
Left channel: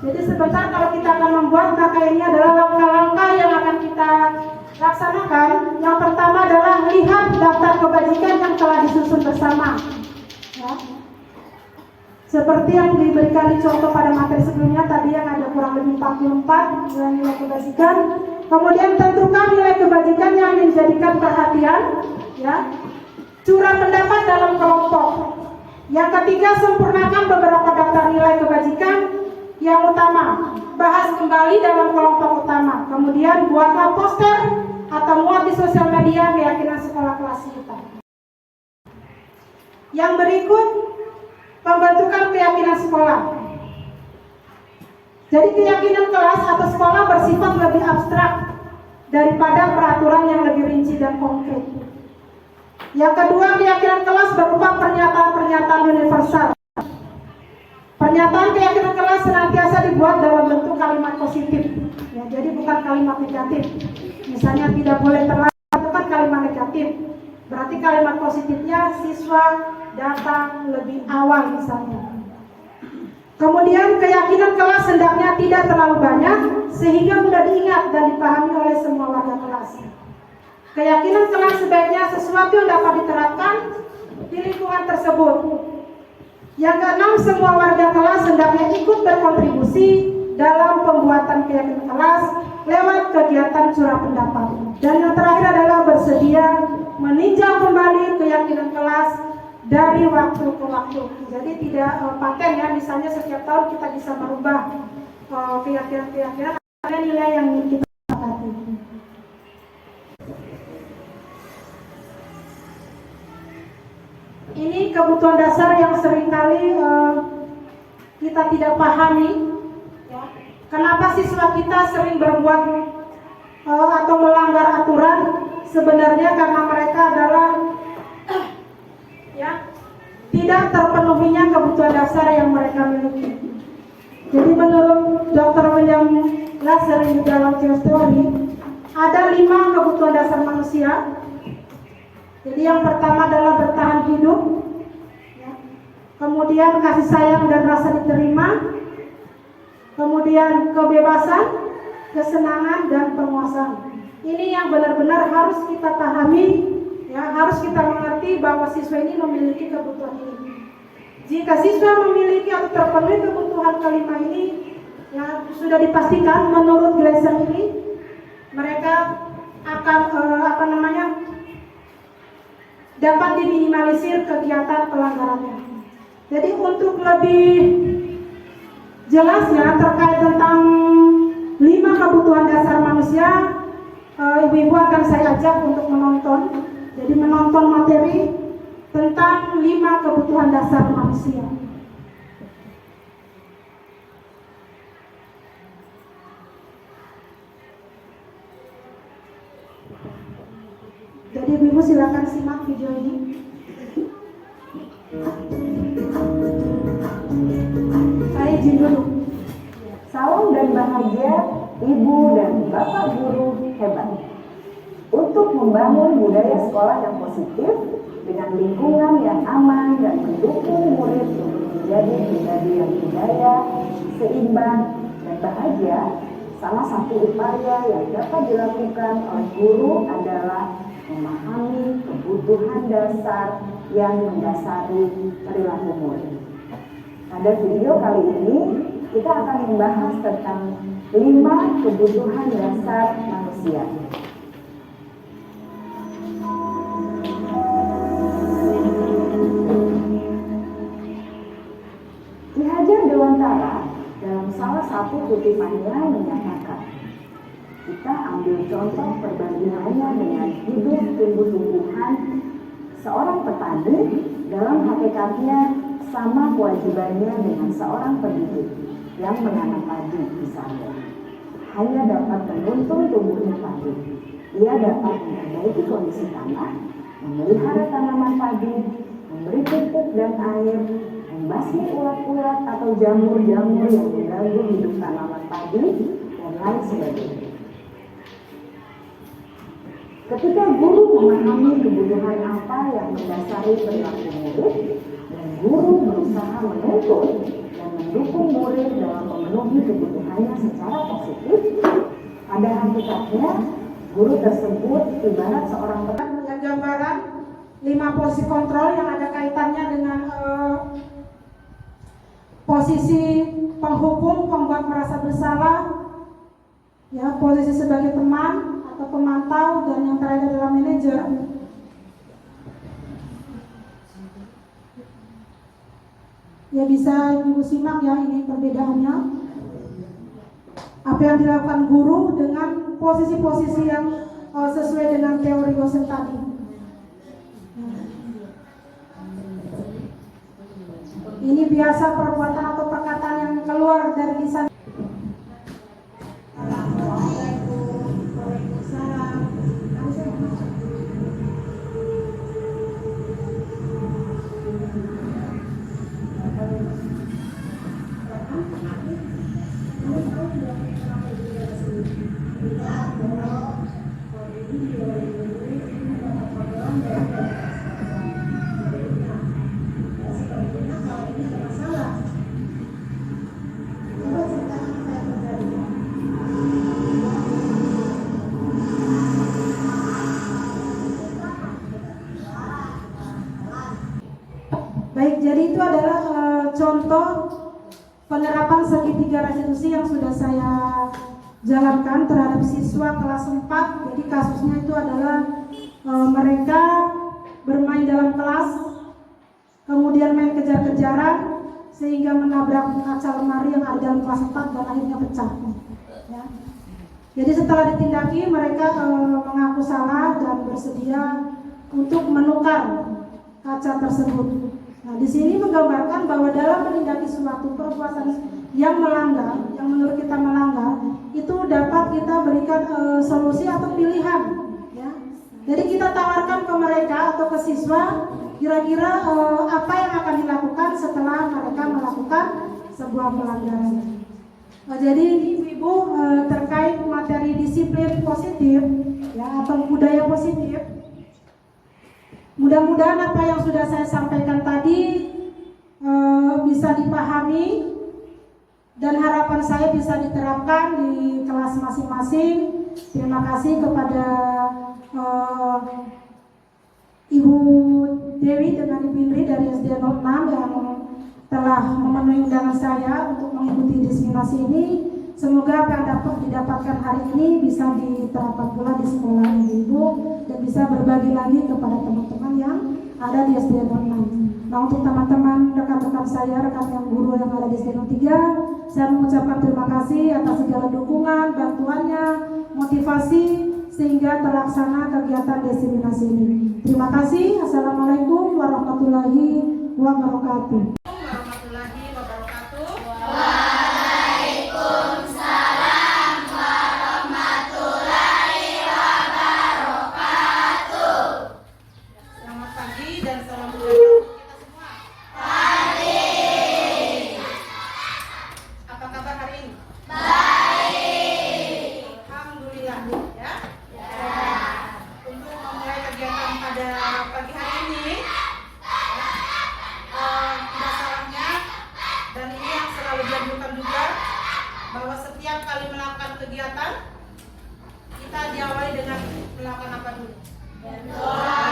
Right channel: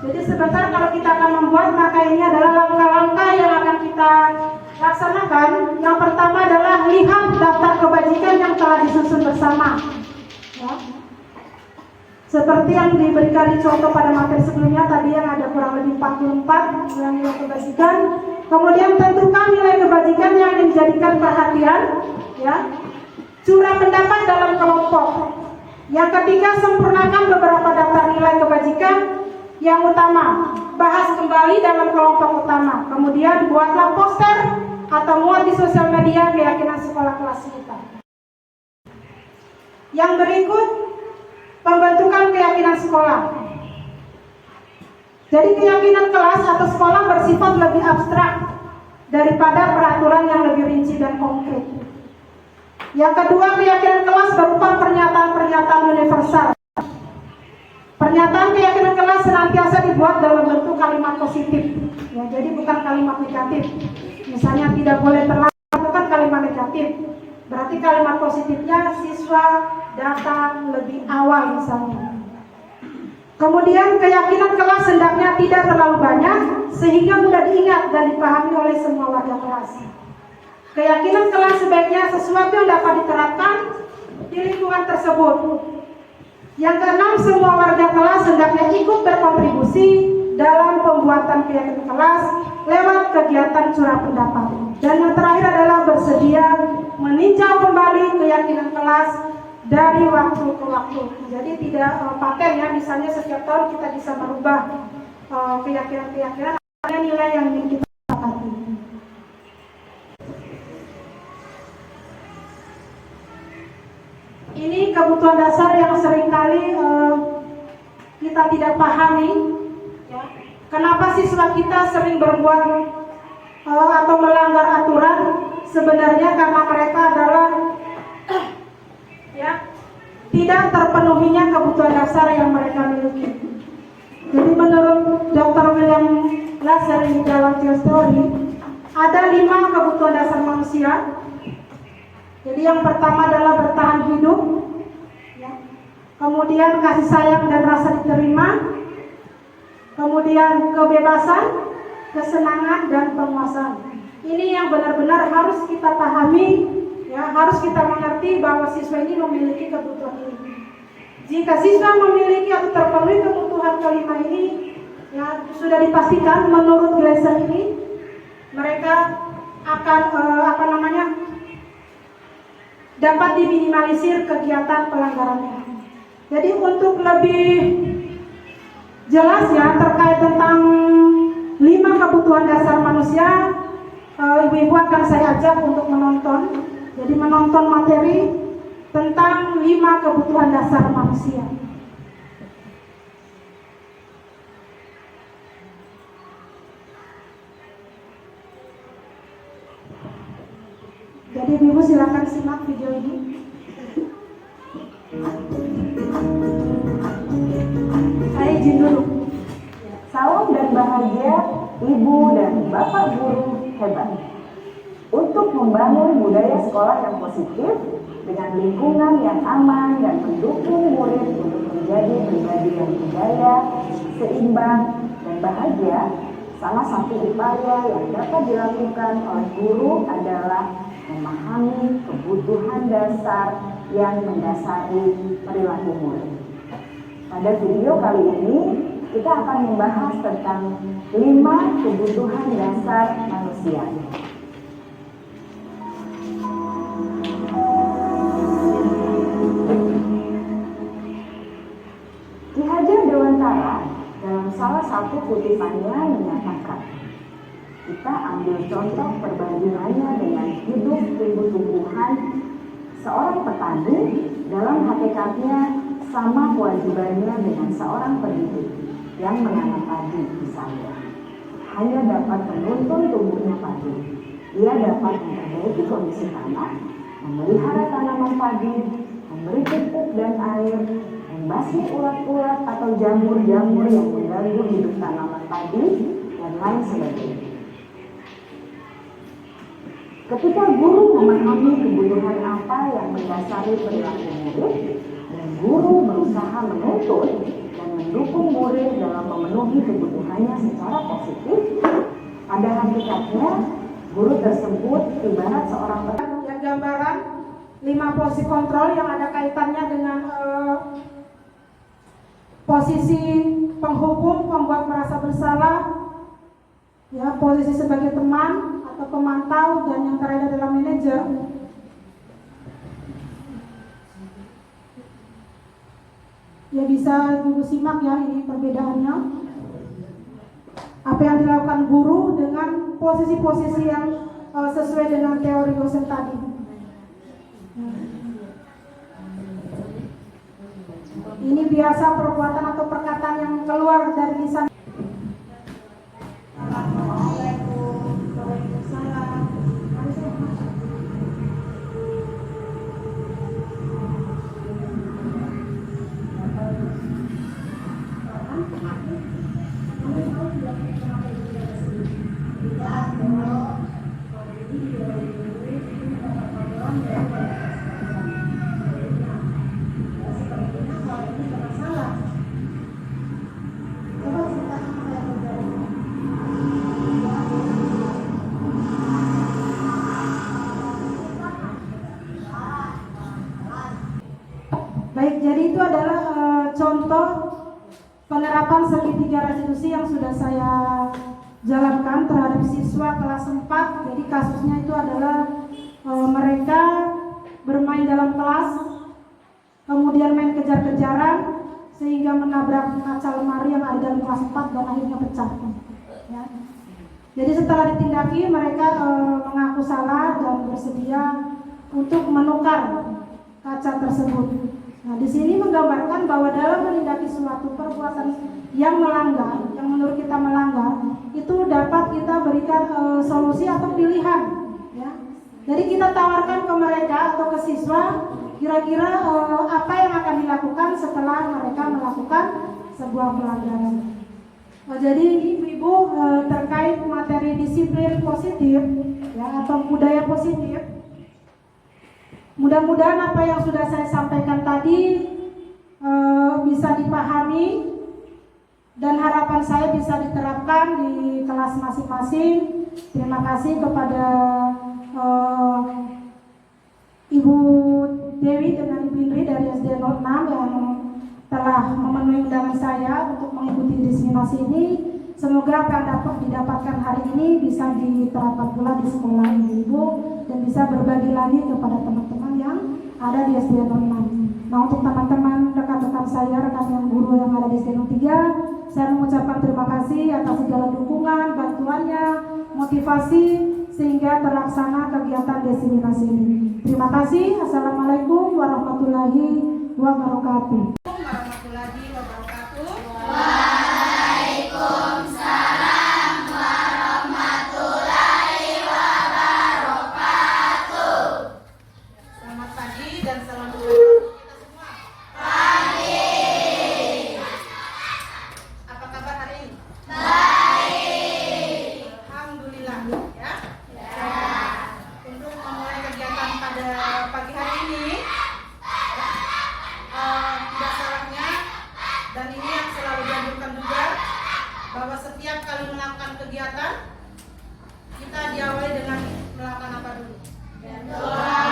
Jadi sebentar kalau kita akan membuat, maka ini adalah langkah-langkah yang akan kita laksanakan. Yang pertama adalah lihat daftar kebajikan yang telah disusun bersama ya. Seperti yang diberikan di contoh pada materi sebelumnya tadi yang ada kurang lebih 44 nilai kebajikan. Kemudian tentukan nilai kebajikan yang menjadikan perhatian, ya. Curah pendapat dalam kelompok. Yang ketiga, sempurnakan beberapa daftar nilai kebajikan yang utama. Bahas kembali dalam kelompok utama. Kemudian buatlah poster atau muat di sosial media keyakinan sekolah kelas kita. Yang berikut, pembentukan keyakinan sekolah. Jadi keyakinan kelas atau sekolah bersifat lebih abstrak daripada peraturan yang lebih rinci dan konkret. Yang kedua, keyakinan kelas berupa pernyataan-pernyataan universal. Pernyataan keyakinan kelas senantiasa dibuat dalam bentuk kalimat positif. Ya, jadi bukan kalimat negatif. Misalnya tidak boleh terlambat, bukan kalimat negatif. Berarti kalimat positifnya siswa datang lebih awal misalnya. Kemudian keyakinan kelas hendaknya tidak terlalu banyak sehingga mudah diingat dan dipahami oleh semua warga kelas. Keyakinan kelas sebaiknya sesuatu yang dapat diterapkan di lingkungan tersebut. Yang keenam, semua warga kelas hendaknya ikut berkontribusi dalam pembuatan keyakinan kelas lewat kegiatan curah pendapat. Dan yang terakhir adalah bersedia meninjau kembali keyakinan kelas dari waktu ke waktu. Jadi tidak paten ya, misalnya setiap tahun kita bisa merubah keyakinan-keyakinan ada nilai yang ingin kita dapati. Ini kebutuhan dasar yang seringkali kita tidak pahami. Ya. Kenapa siswa kita sering berbuat atau melanggar aturan? Sebenarnya karena mereka adalah ya, tidak terpenuhinya kebutuhan dasar yang mereka miliki. Jadi menurut Dr. William Lazer di dalam teori ada 5 kebutuhan dasar manusia. Jadi yang pertama adalah bertahan hidup, ya. Kemudian kasih sayang dan rasa diterima, kemudian kebebasan, kesenangan dan penguasaan. Ini yang benar-benar harus kita pahami. Ya, harus kita mengerti bahwa siswa ini memiliki kebutuhan ini. Jika siswa memiliki atau terpenuhi kebutuhan kelima ini, ya sudah dipastikan menurut Glaser ini, mereka akan dapat diminimalisir kegiatan pelanggarannya. Jadi untuk lebih jelasnya terkait tentang 5 kebutuhan dasar manusia, ibu-ibu akan saya ajak untuk menonton. Jadi menonton materi tentang 5 kebutuhan dasar manusia. Jadi ibu silakan simak video ini. Saya izin dulu. Salam dan bahagia ibu dan bapak guru hebat. Untuk membangun budaya sekolah yang positif dengan lingkungan yang aman dan mendukung murid untuk menjadi pribadi yang berdaya, seimbang dan bahagia, salah satu upaya yang dapat dilakukan oleh guru adalah memahami kebutuhan dasar yang mendasari perilaku murid. Pada video kali ini kita akan membahas tentang 5 kebutuhan dasar manusia. Ki Hajar Dewantara dalam salah satu kutipannya menyatakan, kita ambil contoh perbandingannya dengan hidup tumbuh-tumbuhan. Seorang petani dalam hakikatnya sama kewajibannya dengan seorang pendidik yang menanam padi misalnya. Hanya dapat menuntun tumbuhnya padi. Ia dapat memperbaiki kondisi tanah, memelihara tanaman padi, memberi pupuk dan air, membasmi ulat-ulat atau jamur-jamur yang mengganggu hidup tanaman padi, dan lain sebagainya. Ketika guru memahami kebutuhan apa yang mendasari perilaku murid, dan guru berusaha menuntun dan mendukung murid dalam memenuhi kebutuhannya secara positif, pada hakikatnya guru tersebut ibarat seorang yang gambaran 5 posisi kontrol yang ada kaitannya dengan posisi penghukum, pembuat merasa bersalah, ya, posisi sebagai teman atau pemantau, dan yang terakhir adalah manajer. Ya, bisa Ibu simak ya, ini perbedaannya. Apa yang dilakukan guru dengan posisi-posisi yang sesuai dengan teori dosen tadi. Ini biasa perbuatan atau perkataan yang keluar dari lisan. Baik, jadi itu adalah contoh penerapan segitiga restitusi yang sudah saya jalankan terhadap siswa kelas 4. Jadi kasusnya itu adalah mereka bermain dalam kelas, kemudian main kejar-kejaran sehingga menabrak kaca lemari yang ada dalam kelas 4 dan akhirnya pecah. Ya. Jadi setelah ditindaki, mereka mengaku salah dan bersedia untuk menukar kaca tersebut. Nah, di sini menggambarkan bahwa dalam menindaki suatu perbuatan yang melanggar, yang menurut kita melanggar, itu dapat kita berikan solusi atau pilihan. Ya. Jadi kita tawarkan ke mereka atau ke siswa, kira-kira apa yang akan dilakukan setelah mereka melakukan sebuah pelanggaran. Jadi ibu-ibu terkait materi disiplin positif, ya, atau budaya positif. Mudah-mudahan apa yang sudah saya sampaikan tadi bisa dipahami dan harapan saya bisa diterapkan di kelas masing-masing. Terima kasih kepada Ibu Dewi dengan Ibu Indri dari SD 06 yang telah memenuhi undangan saya untuk mengikuti diseminasi ini. Semoga apa yang dapat didapatkan hari ini bisa diterapkan pula di sekolah ibu dan bisa berbagi lagi kepada teman-teman yang ada di SD 06. Nah, untuk teman-teman rekan-rekan saya, rekan guru yang ada di SD 03, saya mengucapkan terima kasih atas segala dukungan, bantuannya, motivasi sehingga terlaksana kegiatan diseminasi ini. Terima kasih. Assalamualaikum warahmatullahi wabarakatuh. Bahwa setiap kali melakukan kegiatan kita diawali dengan melakukan apa dulu? Berdoa.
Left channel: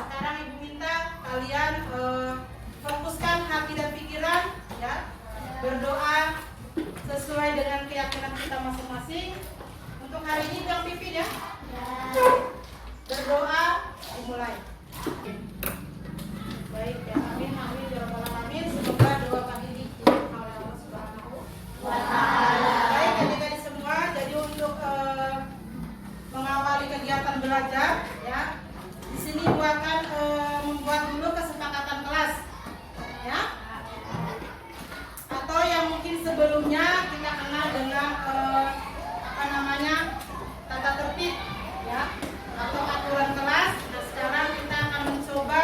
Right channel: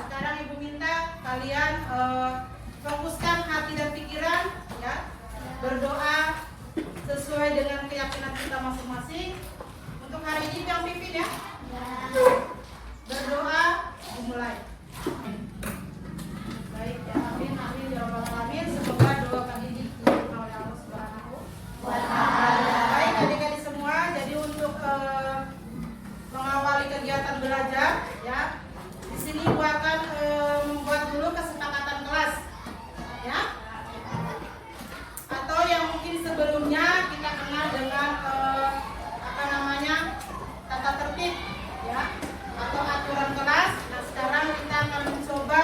Sekarang ibu minta kalian fokuskan hati dan pikiran, ya, berdoa sesuai dengan keyakinan kita masing-masing. Untuk hari ini yang pimpin ya. Berdoa dimulai. Baik ya, amin amin ya rabbal alamin. Semoga doa kali ini diterima oleh Allah Subhanahu wa Ta'ala. Baik adik-adik semua, jadi untuk mengawali kegiatan belajar, ya, di sini Ibu akan membuat dulu kesepakatan kelas, ya, atau yang mungkin sebelumnya kita kenal dengan tata tertib, ya, atau aturan kelas. Nah, sekarang kita akan mencoba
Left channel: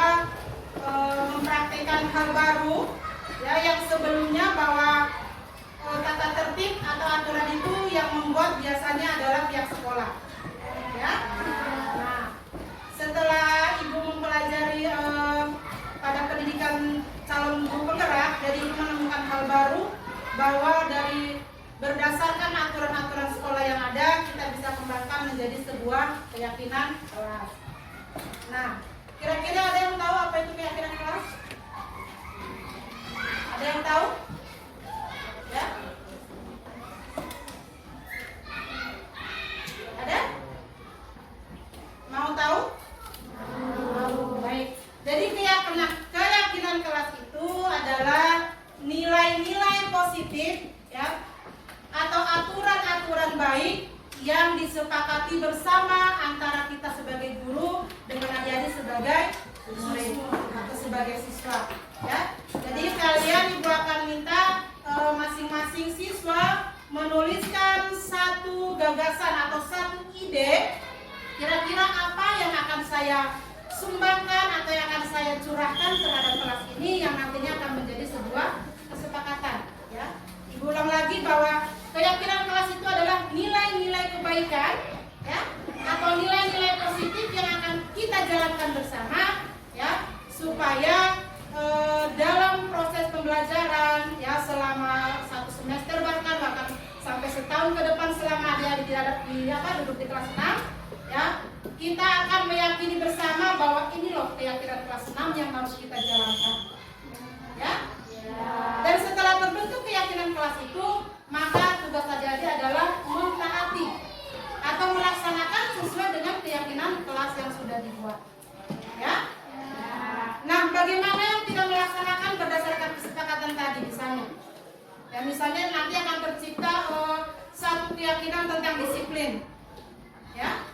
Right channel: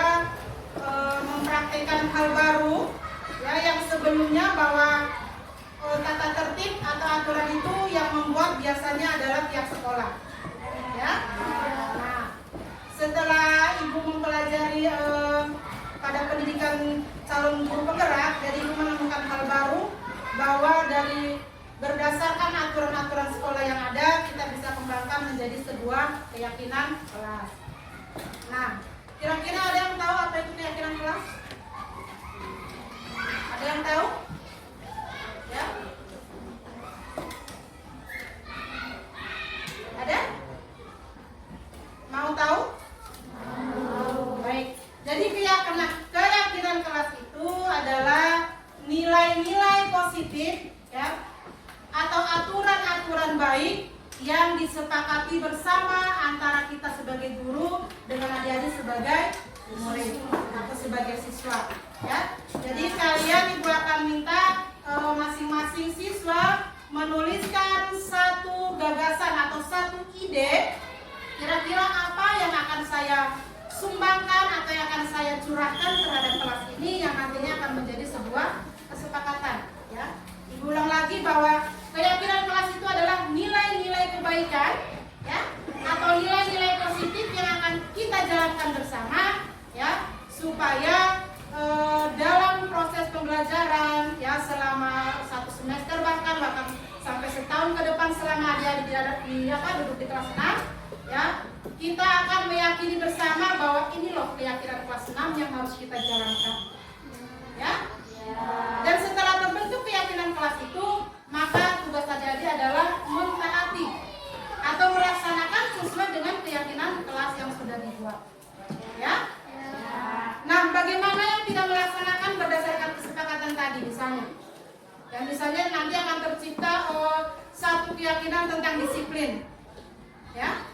mempraktekkan hal baru, ya, yang sebelumnya bahwa tata tertib atau aturan itu yang membuat biasanya adalah pihak sekolah, ya. Nah, setelah ibu mempelajari pada pendidikan calon guru penggerak, jadi ibu menemukan hal baru bahwa dari berdasarkan aturan-aturan sekolah yang ada, kita bisa kembangkan menjadi sebuah keyakinan kelas. Nah, kira-kira ada yang tahu apa itu keyakinan kelas? Ada yang tahu? positif, ya, atau aturan-aturan baik yang disepakati bersama antara kita sebagai guru dengan adik-adik sebagai murid atau sebagai siswa, ya. Jadi kalian ibu akan minta masing-masing siswa menuliskan satu gagasan atau satu ide, kira-kira apa yang akan saya sumbangkan atau yang akan saya curahkan terhadap kelas ini yang nantinya akan menjadi sebuah kesepakatan, ya. Ibu ulang lagi bahwa keyakinan kelas itu adalah nilai-nilai kebaikan, ya, atau nilai-nilai positif yang akan kita jalankan bersama, ya, supaya dalam proses pembelajaran, ya, selama 1 semester bahkan sampai setahun ke depan selama dia duduk di kelas 6, ya, kita akan meyakini bersama bahwa ini loh keyakinan kelas 6 yang harus kita jalankan, ya. Dan setelah terbentuk keyakinan kelas itu, maka tugas adik-adik adalah mentaati atau melaksanakan sesuai dengan keyakinan kelas yang sudah dibuat, ya. Nah, bagaimana yang tidak melaksanakan berdasarkan kesepakatan tadi misalnya? Ya, misalnya nanti akan tercipta satu keyakinan tentang disiplin, ya.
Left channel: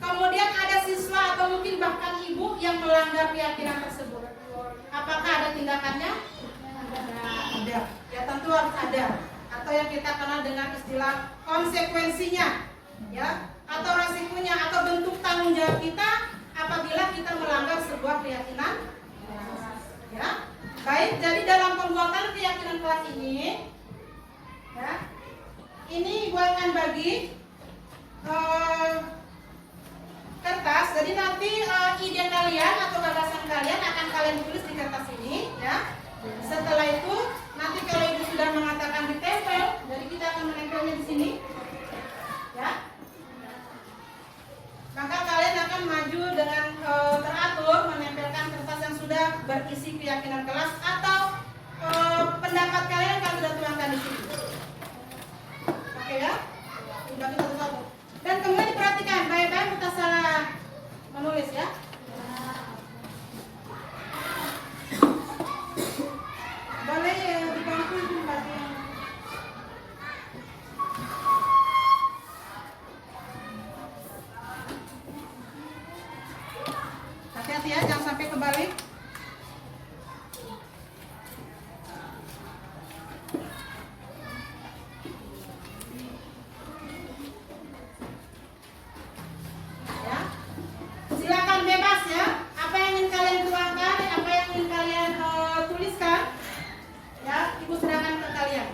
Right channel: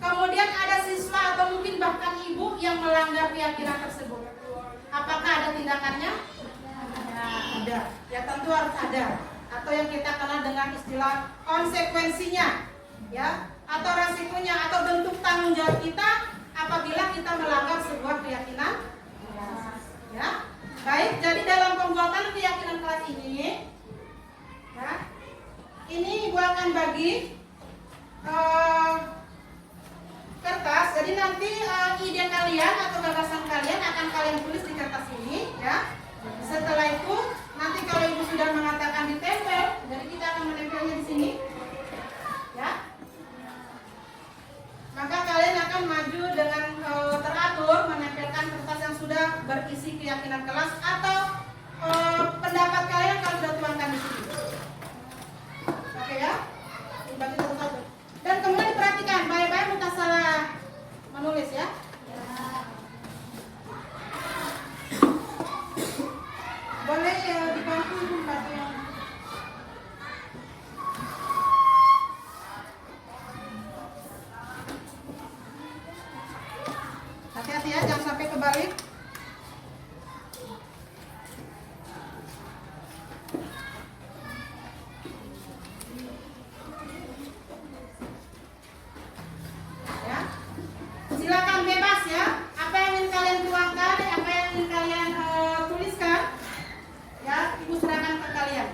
Kemudian ada siswa atau mungkin bahkan ibu yang melanggar keyakinan tersebut. Apakah ada tindakannya? Ya, ada. Ya, tentu harus ada. Atau yang kita kenal dengan istilah konsekuensinya, ya, atau resikonya atau bentuk tanggung jawab kita apabila kita melanggar sebuah keyakinan, ya. Baik, dari dalam pembuatan keyakinan kelas ini, ya, ini ibu akan bagi kertas. Jadi nanti ide kalian atau gagasan kalian akan kalian tulis di kertas ini, ya. Setelah itu nanti kalau ibu sudah mengatakan ditempel, jadi kita akan menempelnya di sini, ya. Maka kalian akan maju dengan teratur menempelkan kertas yang sudah berisi keyakinan kelas atau pendapat kalian kalau sudah tuangkan di sini. Oke, ya. Dan kemudian diperhatikan baik-baik bukan salah menulis, ya. Boleh di bangku itu bagi yang hati-hati, ya, jangan sampai kebalik. Ya, silakan bebas, ya. Apa yang ingin kalian tuangkan, apa yang ingin kalian tuliskan, ya, ibu serahkan ke kalian.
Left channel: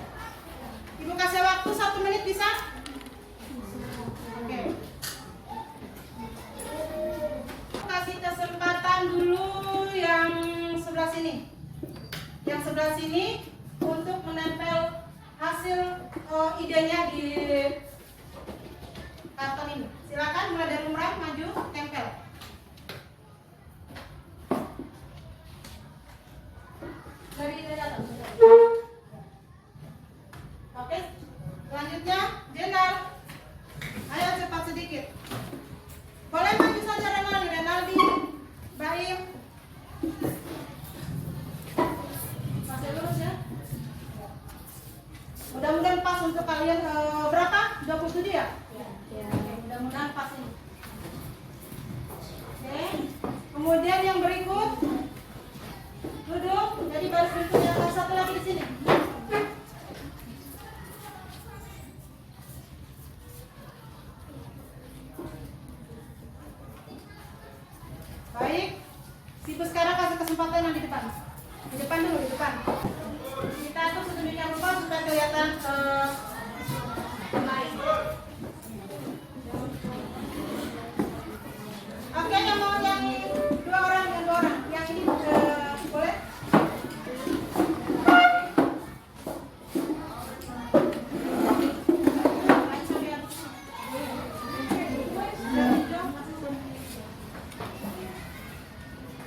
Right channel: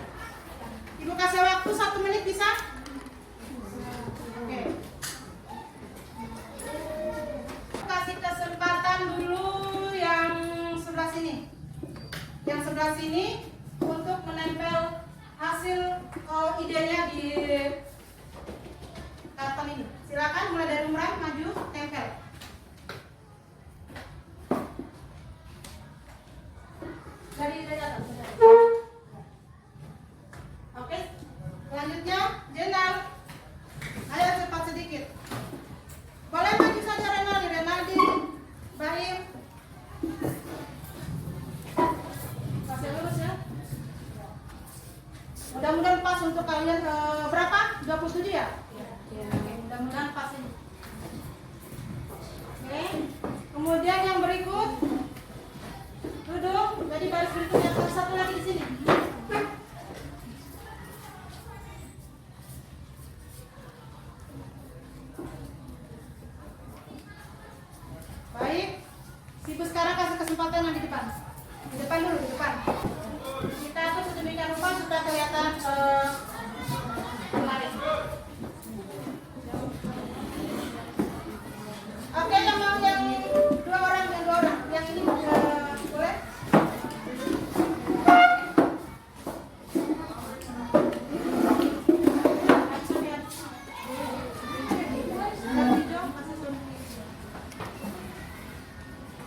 Ibu kasih waktu 1 menit, bisa? Oke. Kasih kesempatan dulu yang sebelah sini. Yang sebelah sini untuk menempel hasil idenya di karton ini. Silakan mulai dari Umran, maju, tempel. Dari atas. Oke. Selanjutnya Jenal. Ayo cepat sedikit. Boleh maju saja Renaldi, Baim. Masih lurus, ya. Mudah-mudahan pas untuk kalian. Berapa? 27, ya? Ya. Oke, mudah-mudahan pas ini. Oke. Kemudian yang berikut duduk. Jadi baris berikutnya satu lagi di sini. Baik, Ibu sekarang kasih kesempatan yang di depan. Di depan dulu, di depan. Kita atur sedemikian rupa supaya kelihatan kemarin. Oke, yang mau yang dua orang, yang ini boleh?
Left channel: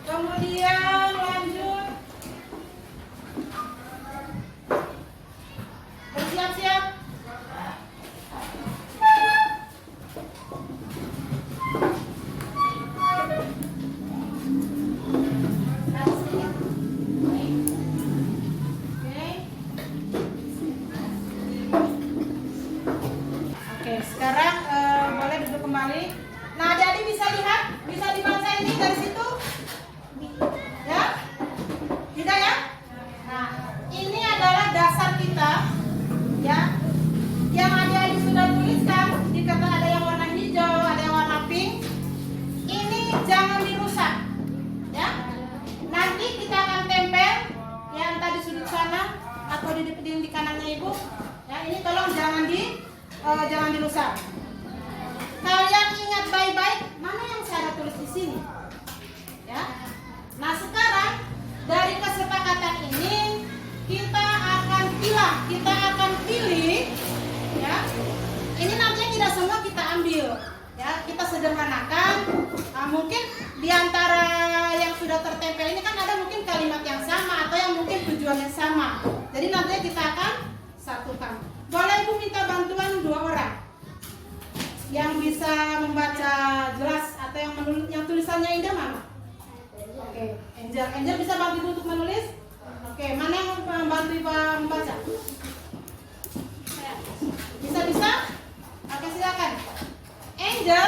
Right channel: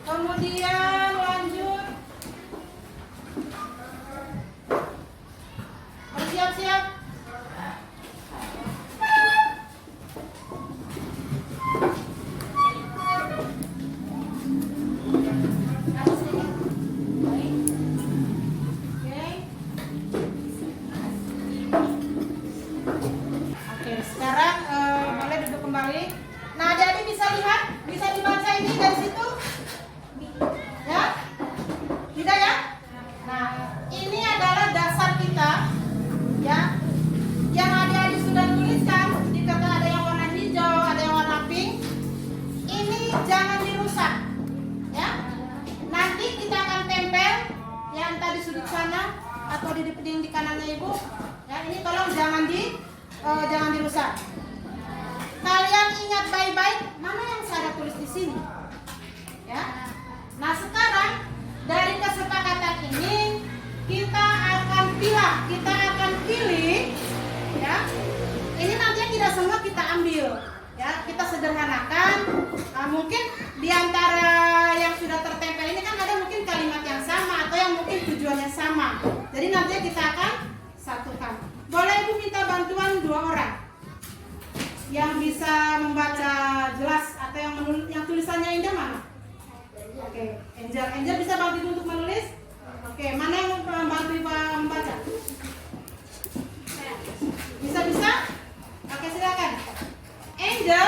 Kemudian lanjut bersiap-siap. buku di kanannya ibu. Ya, ini tolong jangan dirusak. Kalian ingat baik-baik mana yang saya tulis di sini. Ya. Nah sekarang dari kesepakatan ini kita akan pilih, ya. Ini nantinya tidak semua kita ambil, ya. Kita sederhanakan. Mungkin diantara yang sudah tertempel ini kan ada mungkin kalimat yang sama atau yang mungkin tujuannya sama. Jadi nantinya kita akan satukan. Boleh ibu minta bantuan 2 orang yang bisa membaca jelas atau yang tulisannya indah mana? Oke, Angel bisa bantu untuk menulis? Oke, mana yang membantu membaca? Bisa? Oke, silakan. Angel.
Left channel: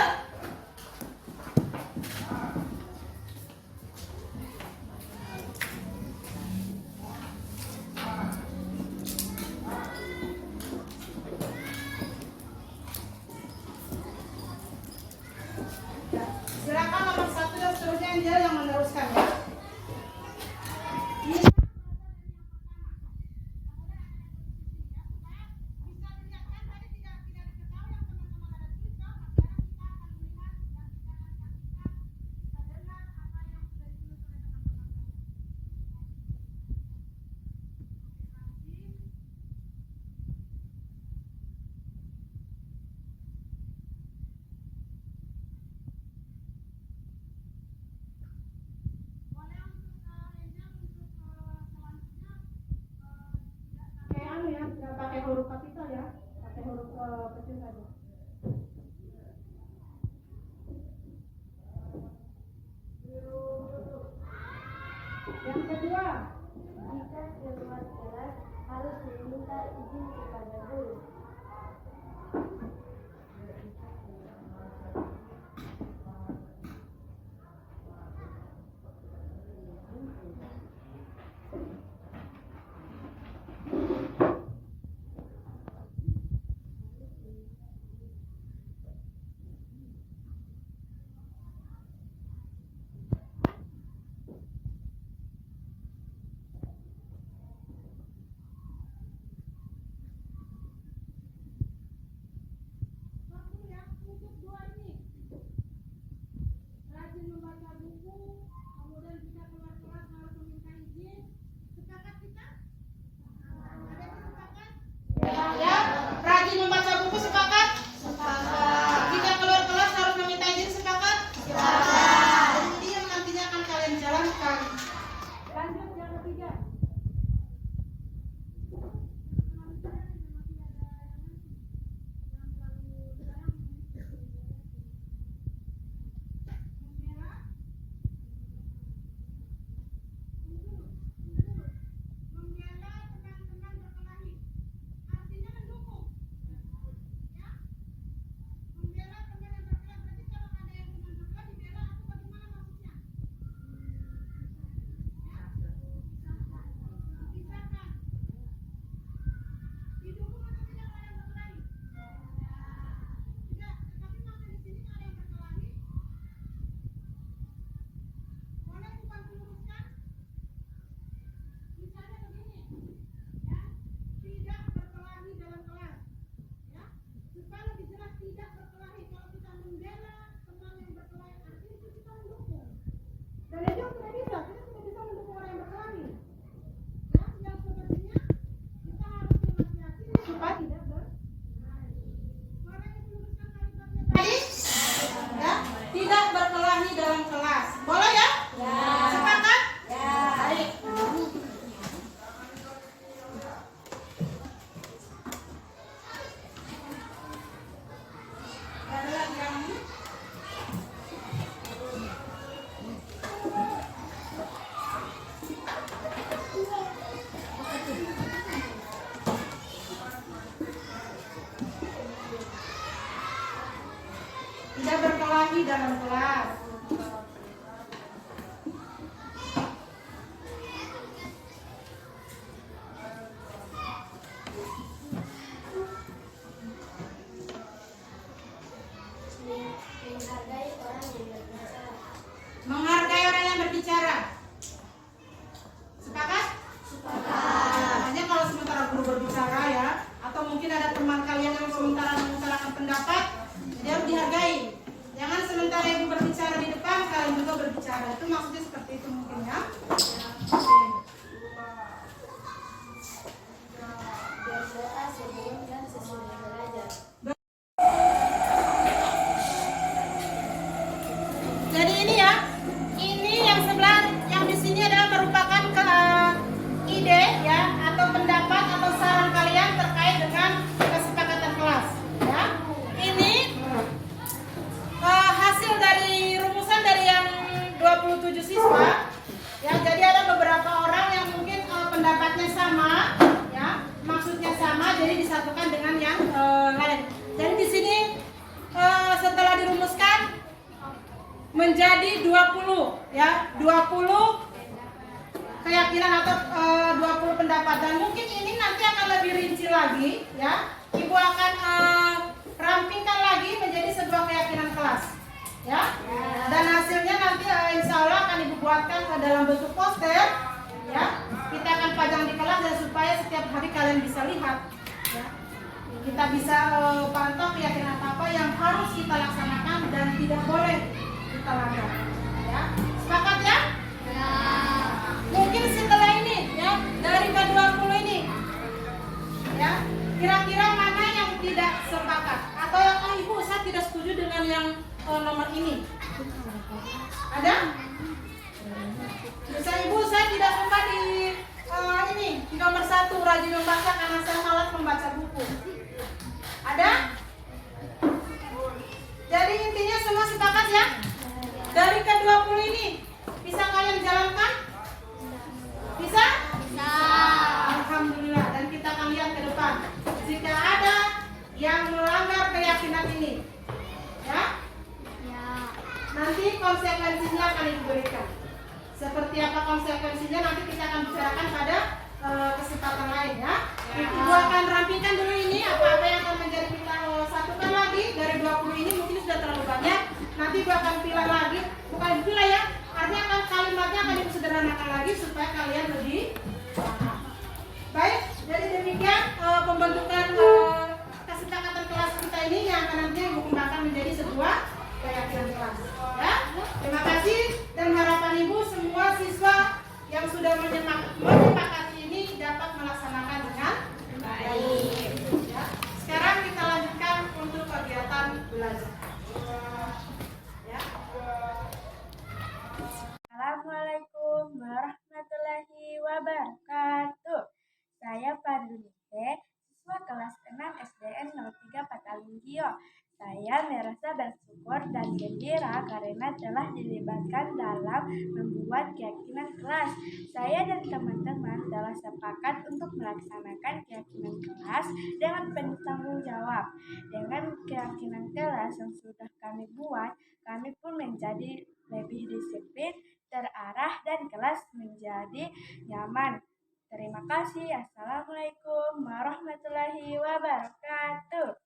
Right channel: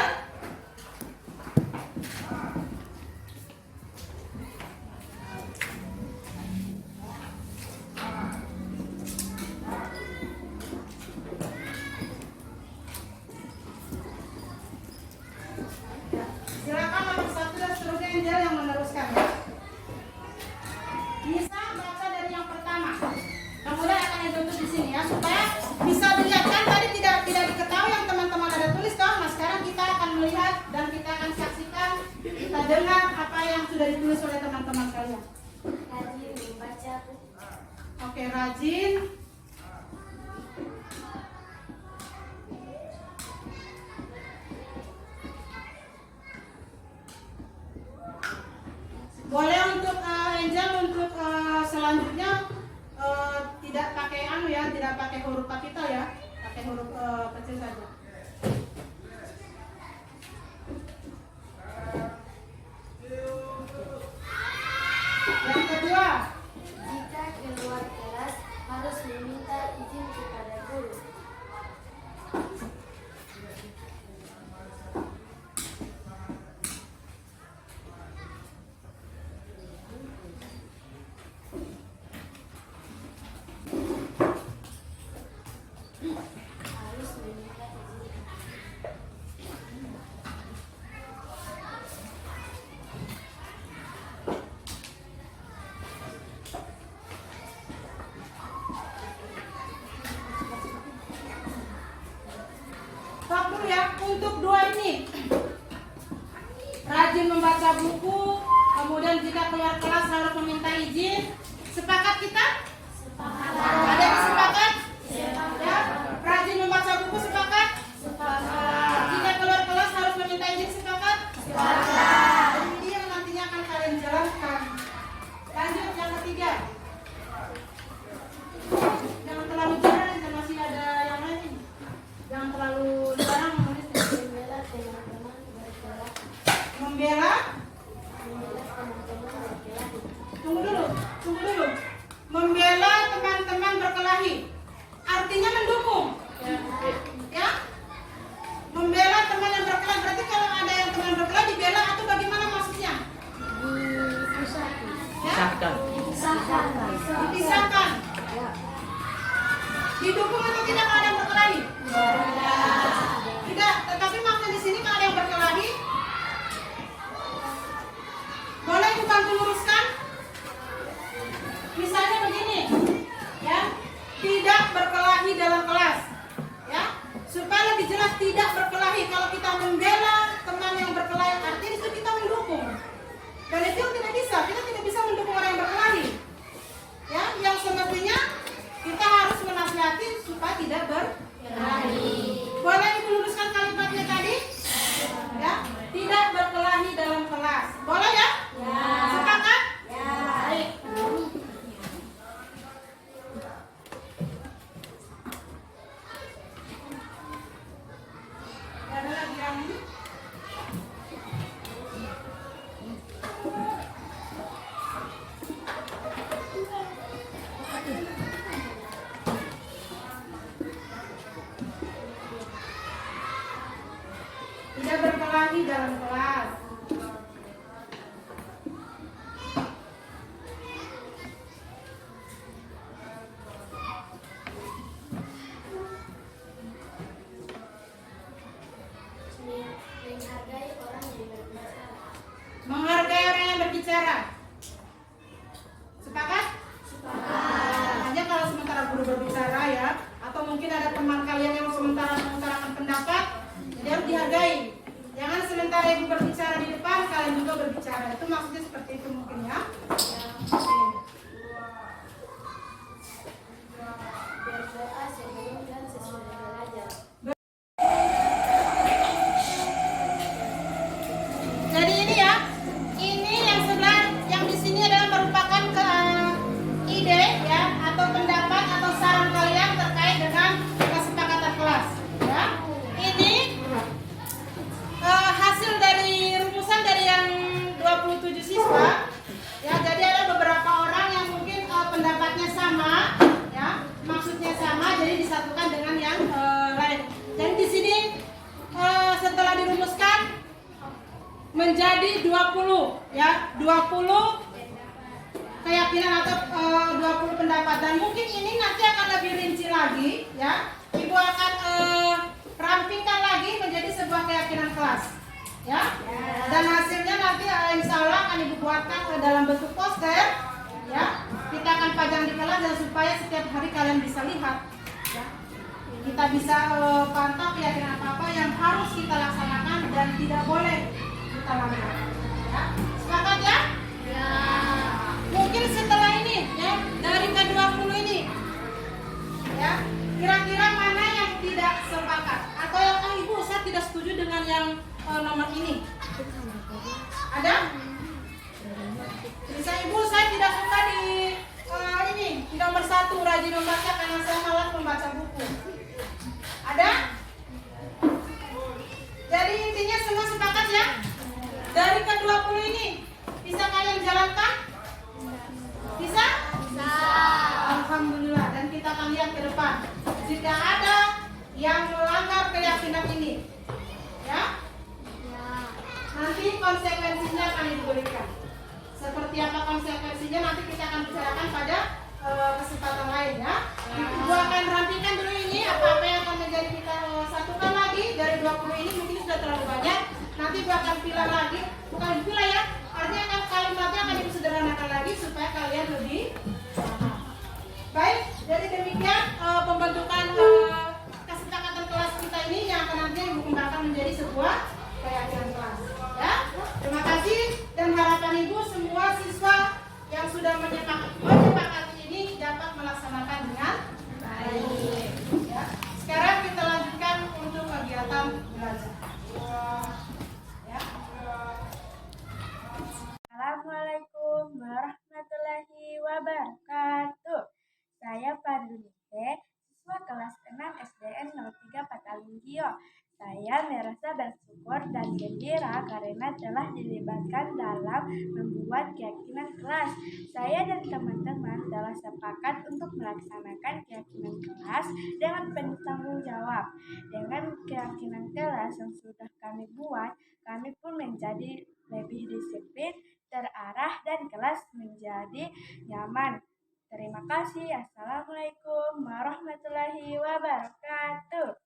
Silakan nomor 1 dan seterusnya Angel yang meneruskan ya. Bisa baca dari yang pertama. Kemudian akan ditutup di sini ya supaya bisa dilihat kan tadi tidak diketahui yang teman-teman ada tulis kan. Nah sekarang kita akan melihat dan kita akan saksikan, kita dengar apa yang sudah ditulis oleh teman-teman kalian. Rajin membaca. Oke, rajin. Boleh untuk Angel untuk selanjutnya tidak pakai tidak pakai huruf kapital ya, pakai huruf kecil saja. Yang kedua, Jika keluar kelas harus meminta izin kepada guru. Harus meminta izin. stop dulu ya. Untuk 2 ini, rajin membaca buku, kemudian jika keluar kelas harus meminta izin. Sepakat kita? Ada yang sepakat? Ya. Rajin membaca buku sepakat? Jika keluar kelas harus meminta izin sepakat? Ini yang nantinya akan kalian jalankan. Lanjut yang ketiga. Jangan terlalu jarang, masih ada yang lain. Jangan terlalu jarang menulis. Membela teman-teman bergerak. Membela. Tunggu dulu. Membela teman-teman berkelahi. Artinya mendukung. Ya. Membela teman yang berkelahi berarti kalau ada yang teman berkelahi dibela atau bagaimana maksudnya? Ya? Dipisahkan. Didukung atau tidak kalau ada yang berkelahi? Tidak, tetapi maksudnya di sini kalau ada yang berkelahi, boleh ibu bantu luruskan? Misalnya begini, ya, tidak berkelahi dalam kelas, ya, supaya lebih jelas tidak berkelahi. Kalau kita membela teman yang berkelahi, artinya itu kita mendukung. Dan itu tidak bisa, kita tidak bisa mendukung orang yang berkelahi. Ya, yang semestinya kita harus menasihati supaya tidak berkelahi. Boleh ibu luruskan kalimatnya tadi? Ya, tidak berkelahi dalam kelas. Boleh ya? Sepakat? Baik. Ada lagi yang tidak berkelahi dalam kelas. Menghargai orang yang berbicara. Menghargai orang yang berbicara. Sepakat? Hanya kalau sementara berbicara ya, atau mungkin ada teman kalian yang sementara mengutarakan pendapat, jadi harus dihargai. Jangan sementara ibu berbicara di depan, kalian juga berbicara. Itu maksudnya seperti itu mungkin ya. Berdoa sebelum dan sesudah belajar. Jadi ini ya, ini yang sebelah, yang di sini adalah merupakan ide ya, atau pendapat atau saran kalian terkait dengan kesepakatan kelas. Ya, ini hasil dari rumusan dari yang 27 siswa. Ya, jadi ada beberapa orang yang mungkin pendapatnya sama, ya, maksudnya sama, jadi disatukan dengan yang lain. Dan di sini setelah dirumuskan menjadi 20 ya, 20 keyakinan atau 20 pendapat, dan mungkin ini nanti akan lebih rinci lagi ya. Ibu akan rampingkan lagi menjadi sebuah keyakinan kelas ya. Dan hasilnya nanti insya Allah akan ibu buatkan dalam bentuk poster ya. Kita akan pajang di kelas dan supaya setiap hari kalian bisa lihat ya. Kita bisa pantau keyakinan apa yang harus kita laksanakan dan tidak boleh kita langgar ya. Sepakat ya? Ya. Mungkin setelah ini ya, dari ke-20 ini ya, kira-kira mana yang tidak sepakat atau yang ibu saya tidak setuju dengan yang nomor ini? Ada? Bisa ibu, saya tidak suka di ini di nomor 1 rajin membaca karena saya malas membaca buku. Ada? Jadi intinya semua sepakat ya? Dari ke-20 ini bisa kalian jalankan? Bisa? Bisa. Alhamdulillah. Dan kita akan lihat ke depan. Jika ada yang melanggar keyakinan ini, ya, nanti konsekuensinya akan diberikan. Seperti apa konsekuensinya nanti kita akan bicarakan pada kesempatan lain ya. Ibu akan rampingkan dulu ini apa-apa yang akan menjadi kita satukan lagi dari 20 ini, mungkin sudah terlalu banyak. Nanti ibu akan pilih lagi, bukan pilih ya, artinya akan kalimatnya akan ibu sederhanakan lagi supaya kalian lebih paham. Baik, jadi demikian pembentukan kesepakatan kelas kita ini yang akan nanti ibu kembangkan menjadi sebuah keyakinan kelas. Ya, terima kasih dan harapan ibu semua siswa yang sudah menyepakati ini dapat melaksanakan dengan baik. Ya. Sekarang kita lanjutkan untuk kegiatan belajar. Ya. Assalamualaikum warahmatullahi wabarakatuh. Saya Fadlunise, siswa kelas 6 SDN 03 Patalingio. Saya merasa bersyukur dan gembira karena telah dilibatkan dalam membuat keyakinan kelas. Saya dan teman-teman telah sepakat untuk melaksanakan keyakinan kelas dengan penuh tanggung jawab. Dengan keyakinan kelas yang sudah kami buat, kami pun menjadi lebih disiplin, terarah, dan kelas menjadi nyaman. Terima kasih. Assalamualaikum warahmatullahi wabarakatuh.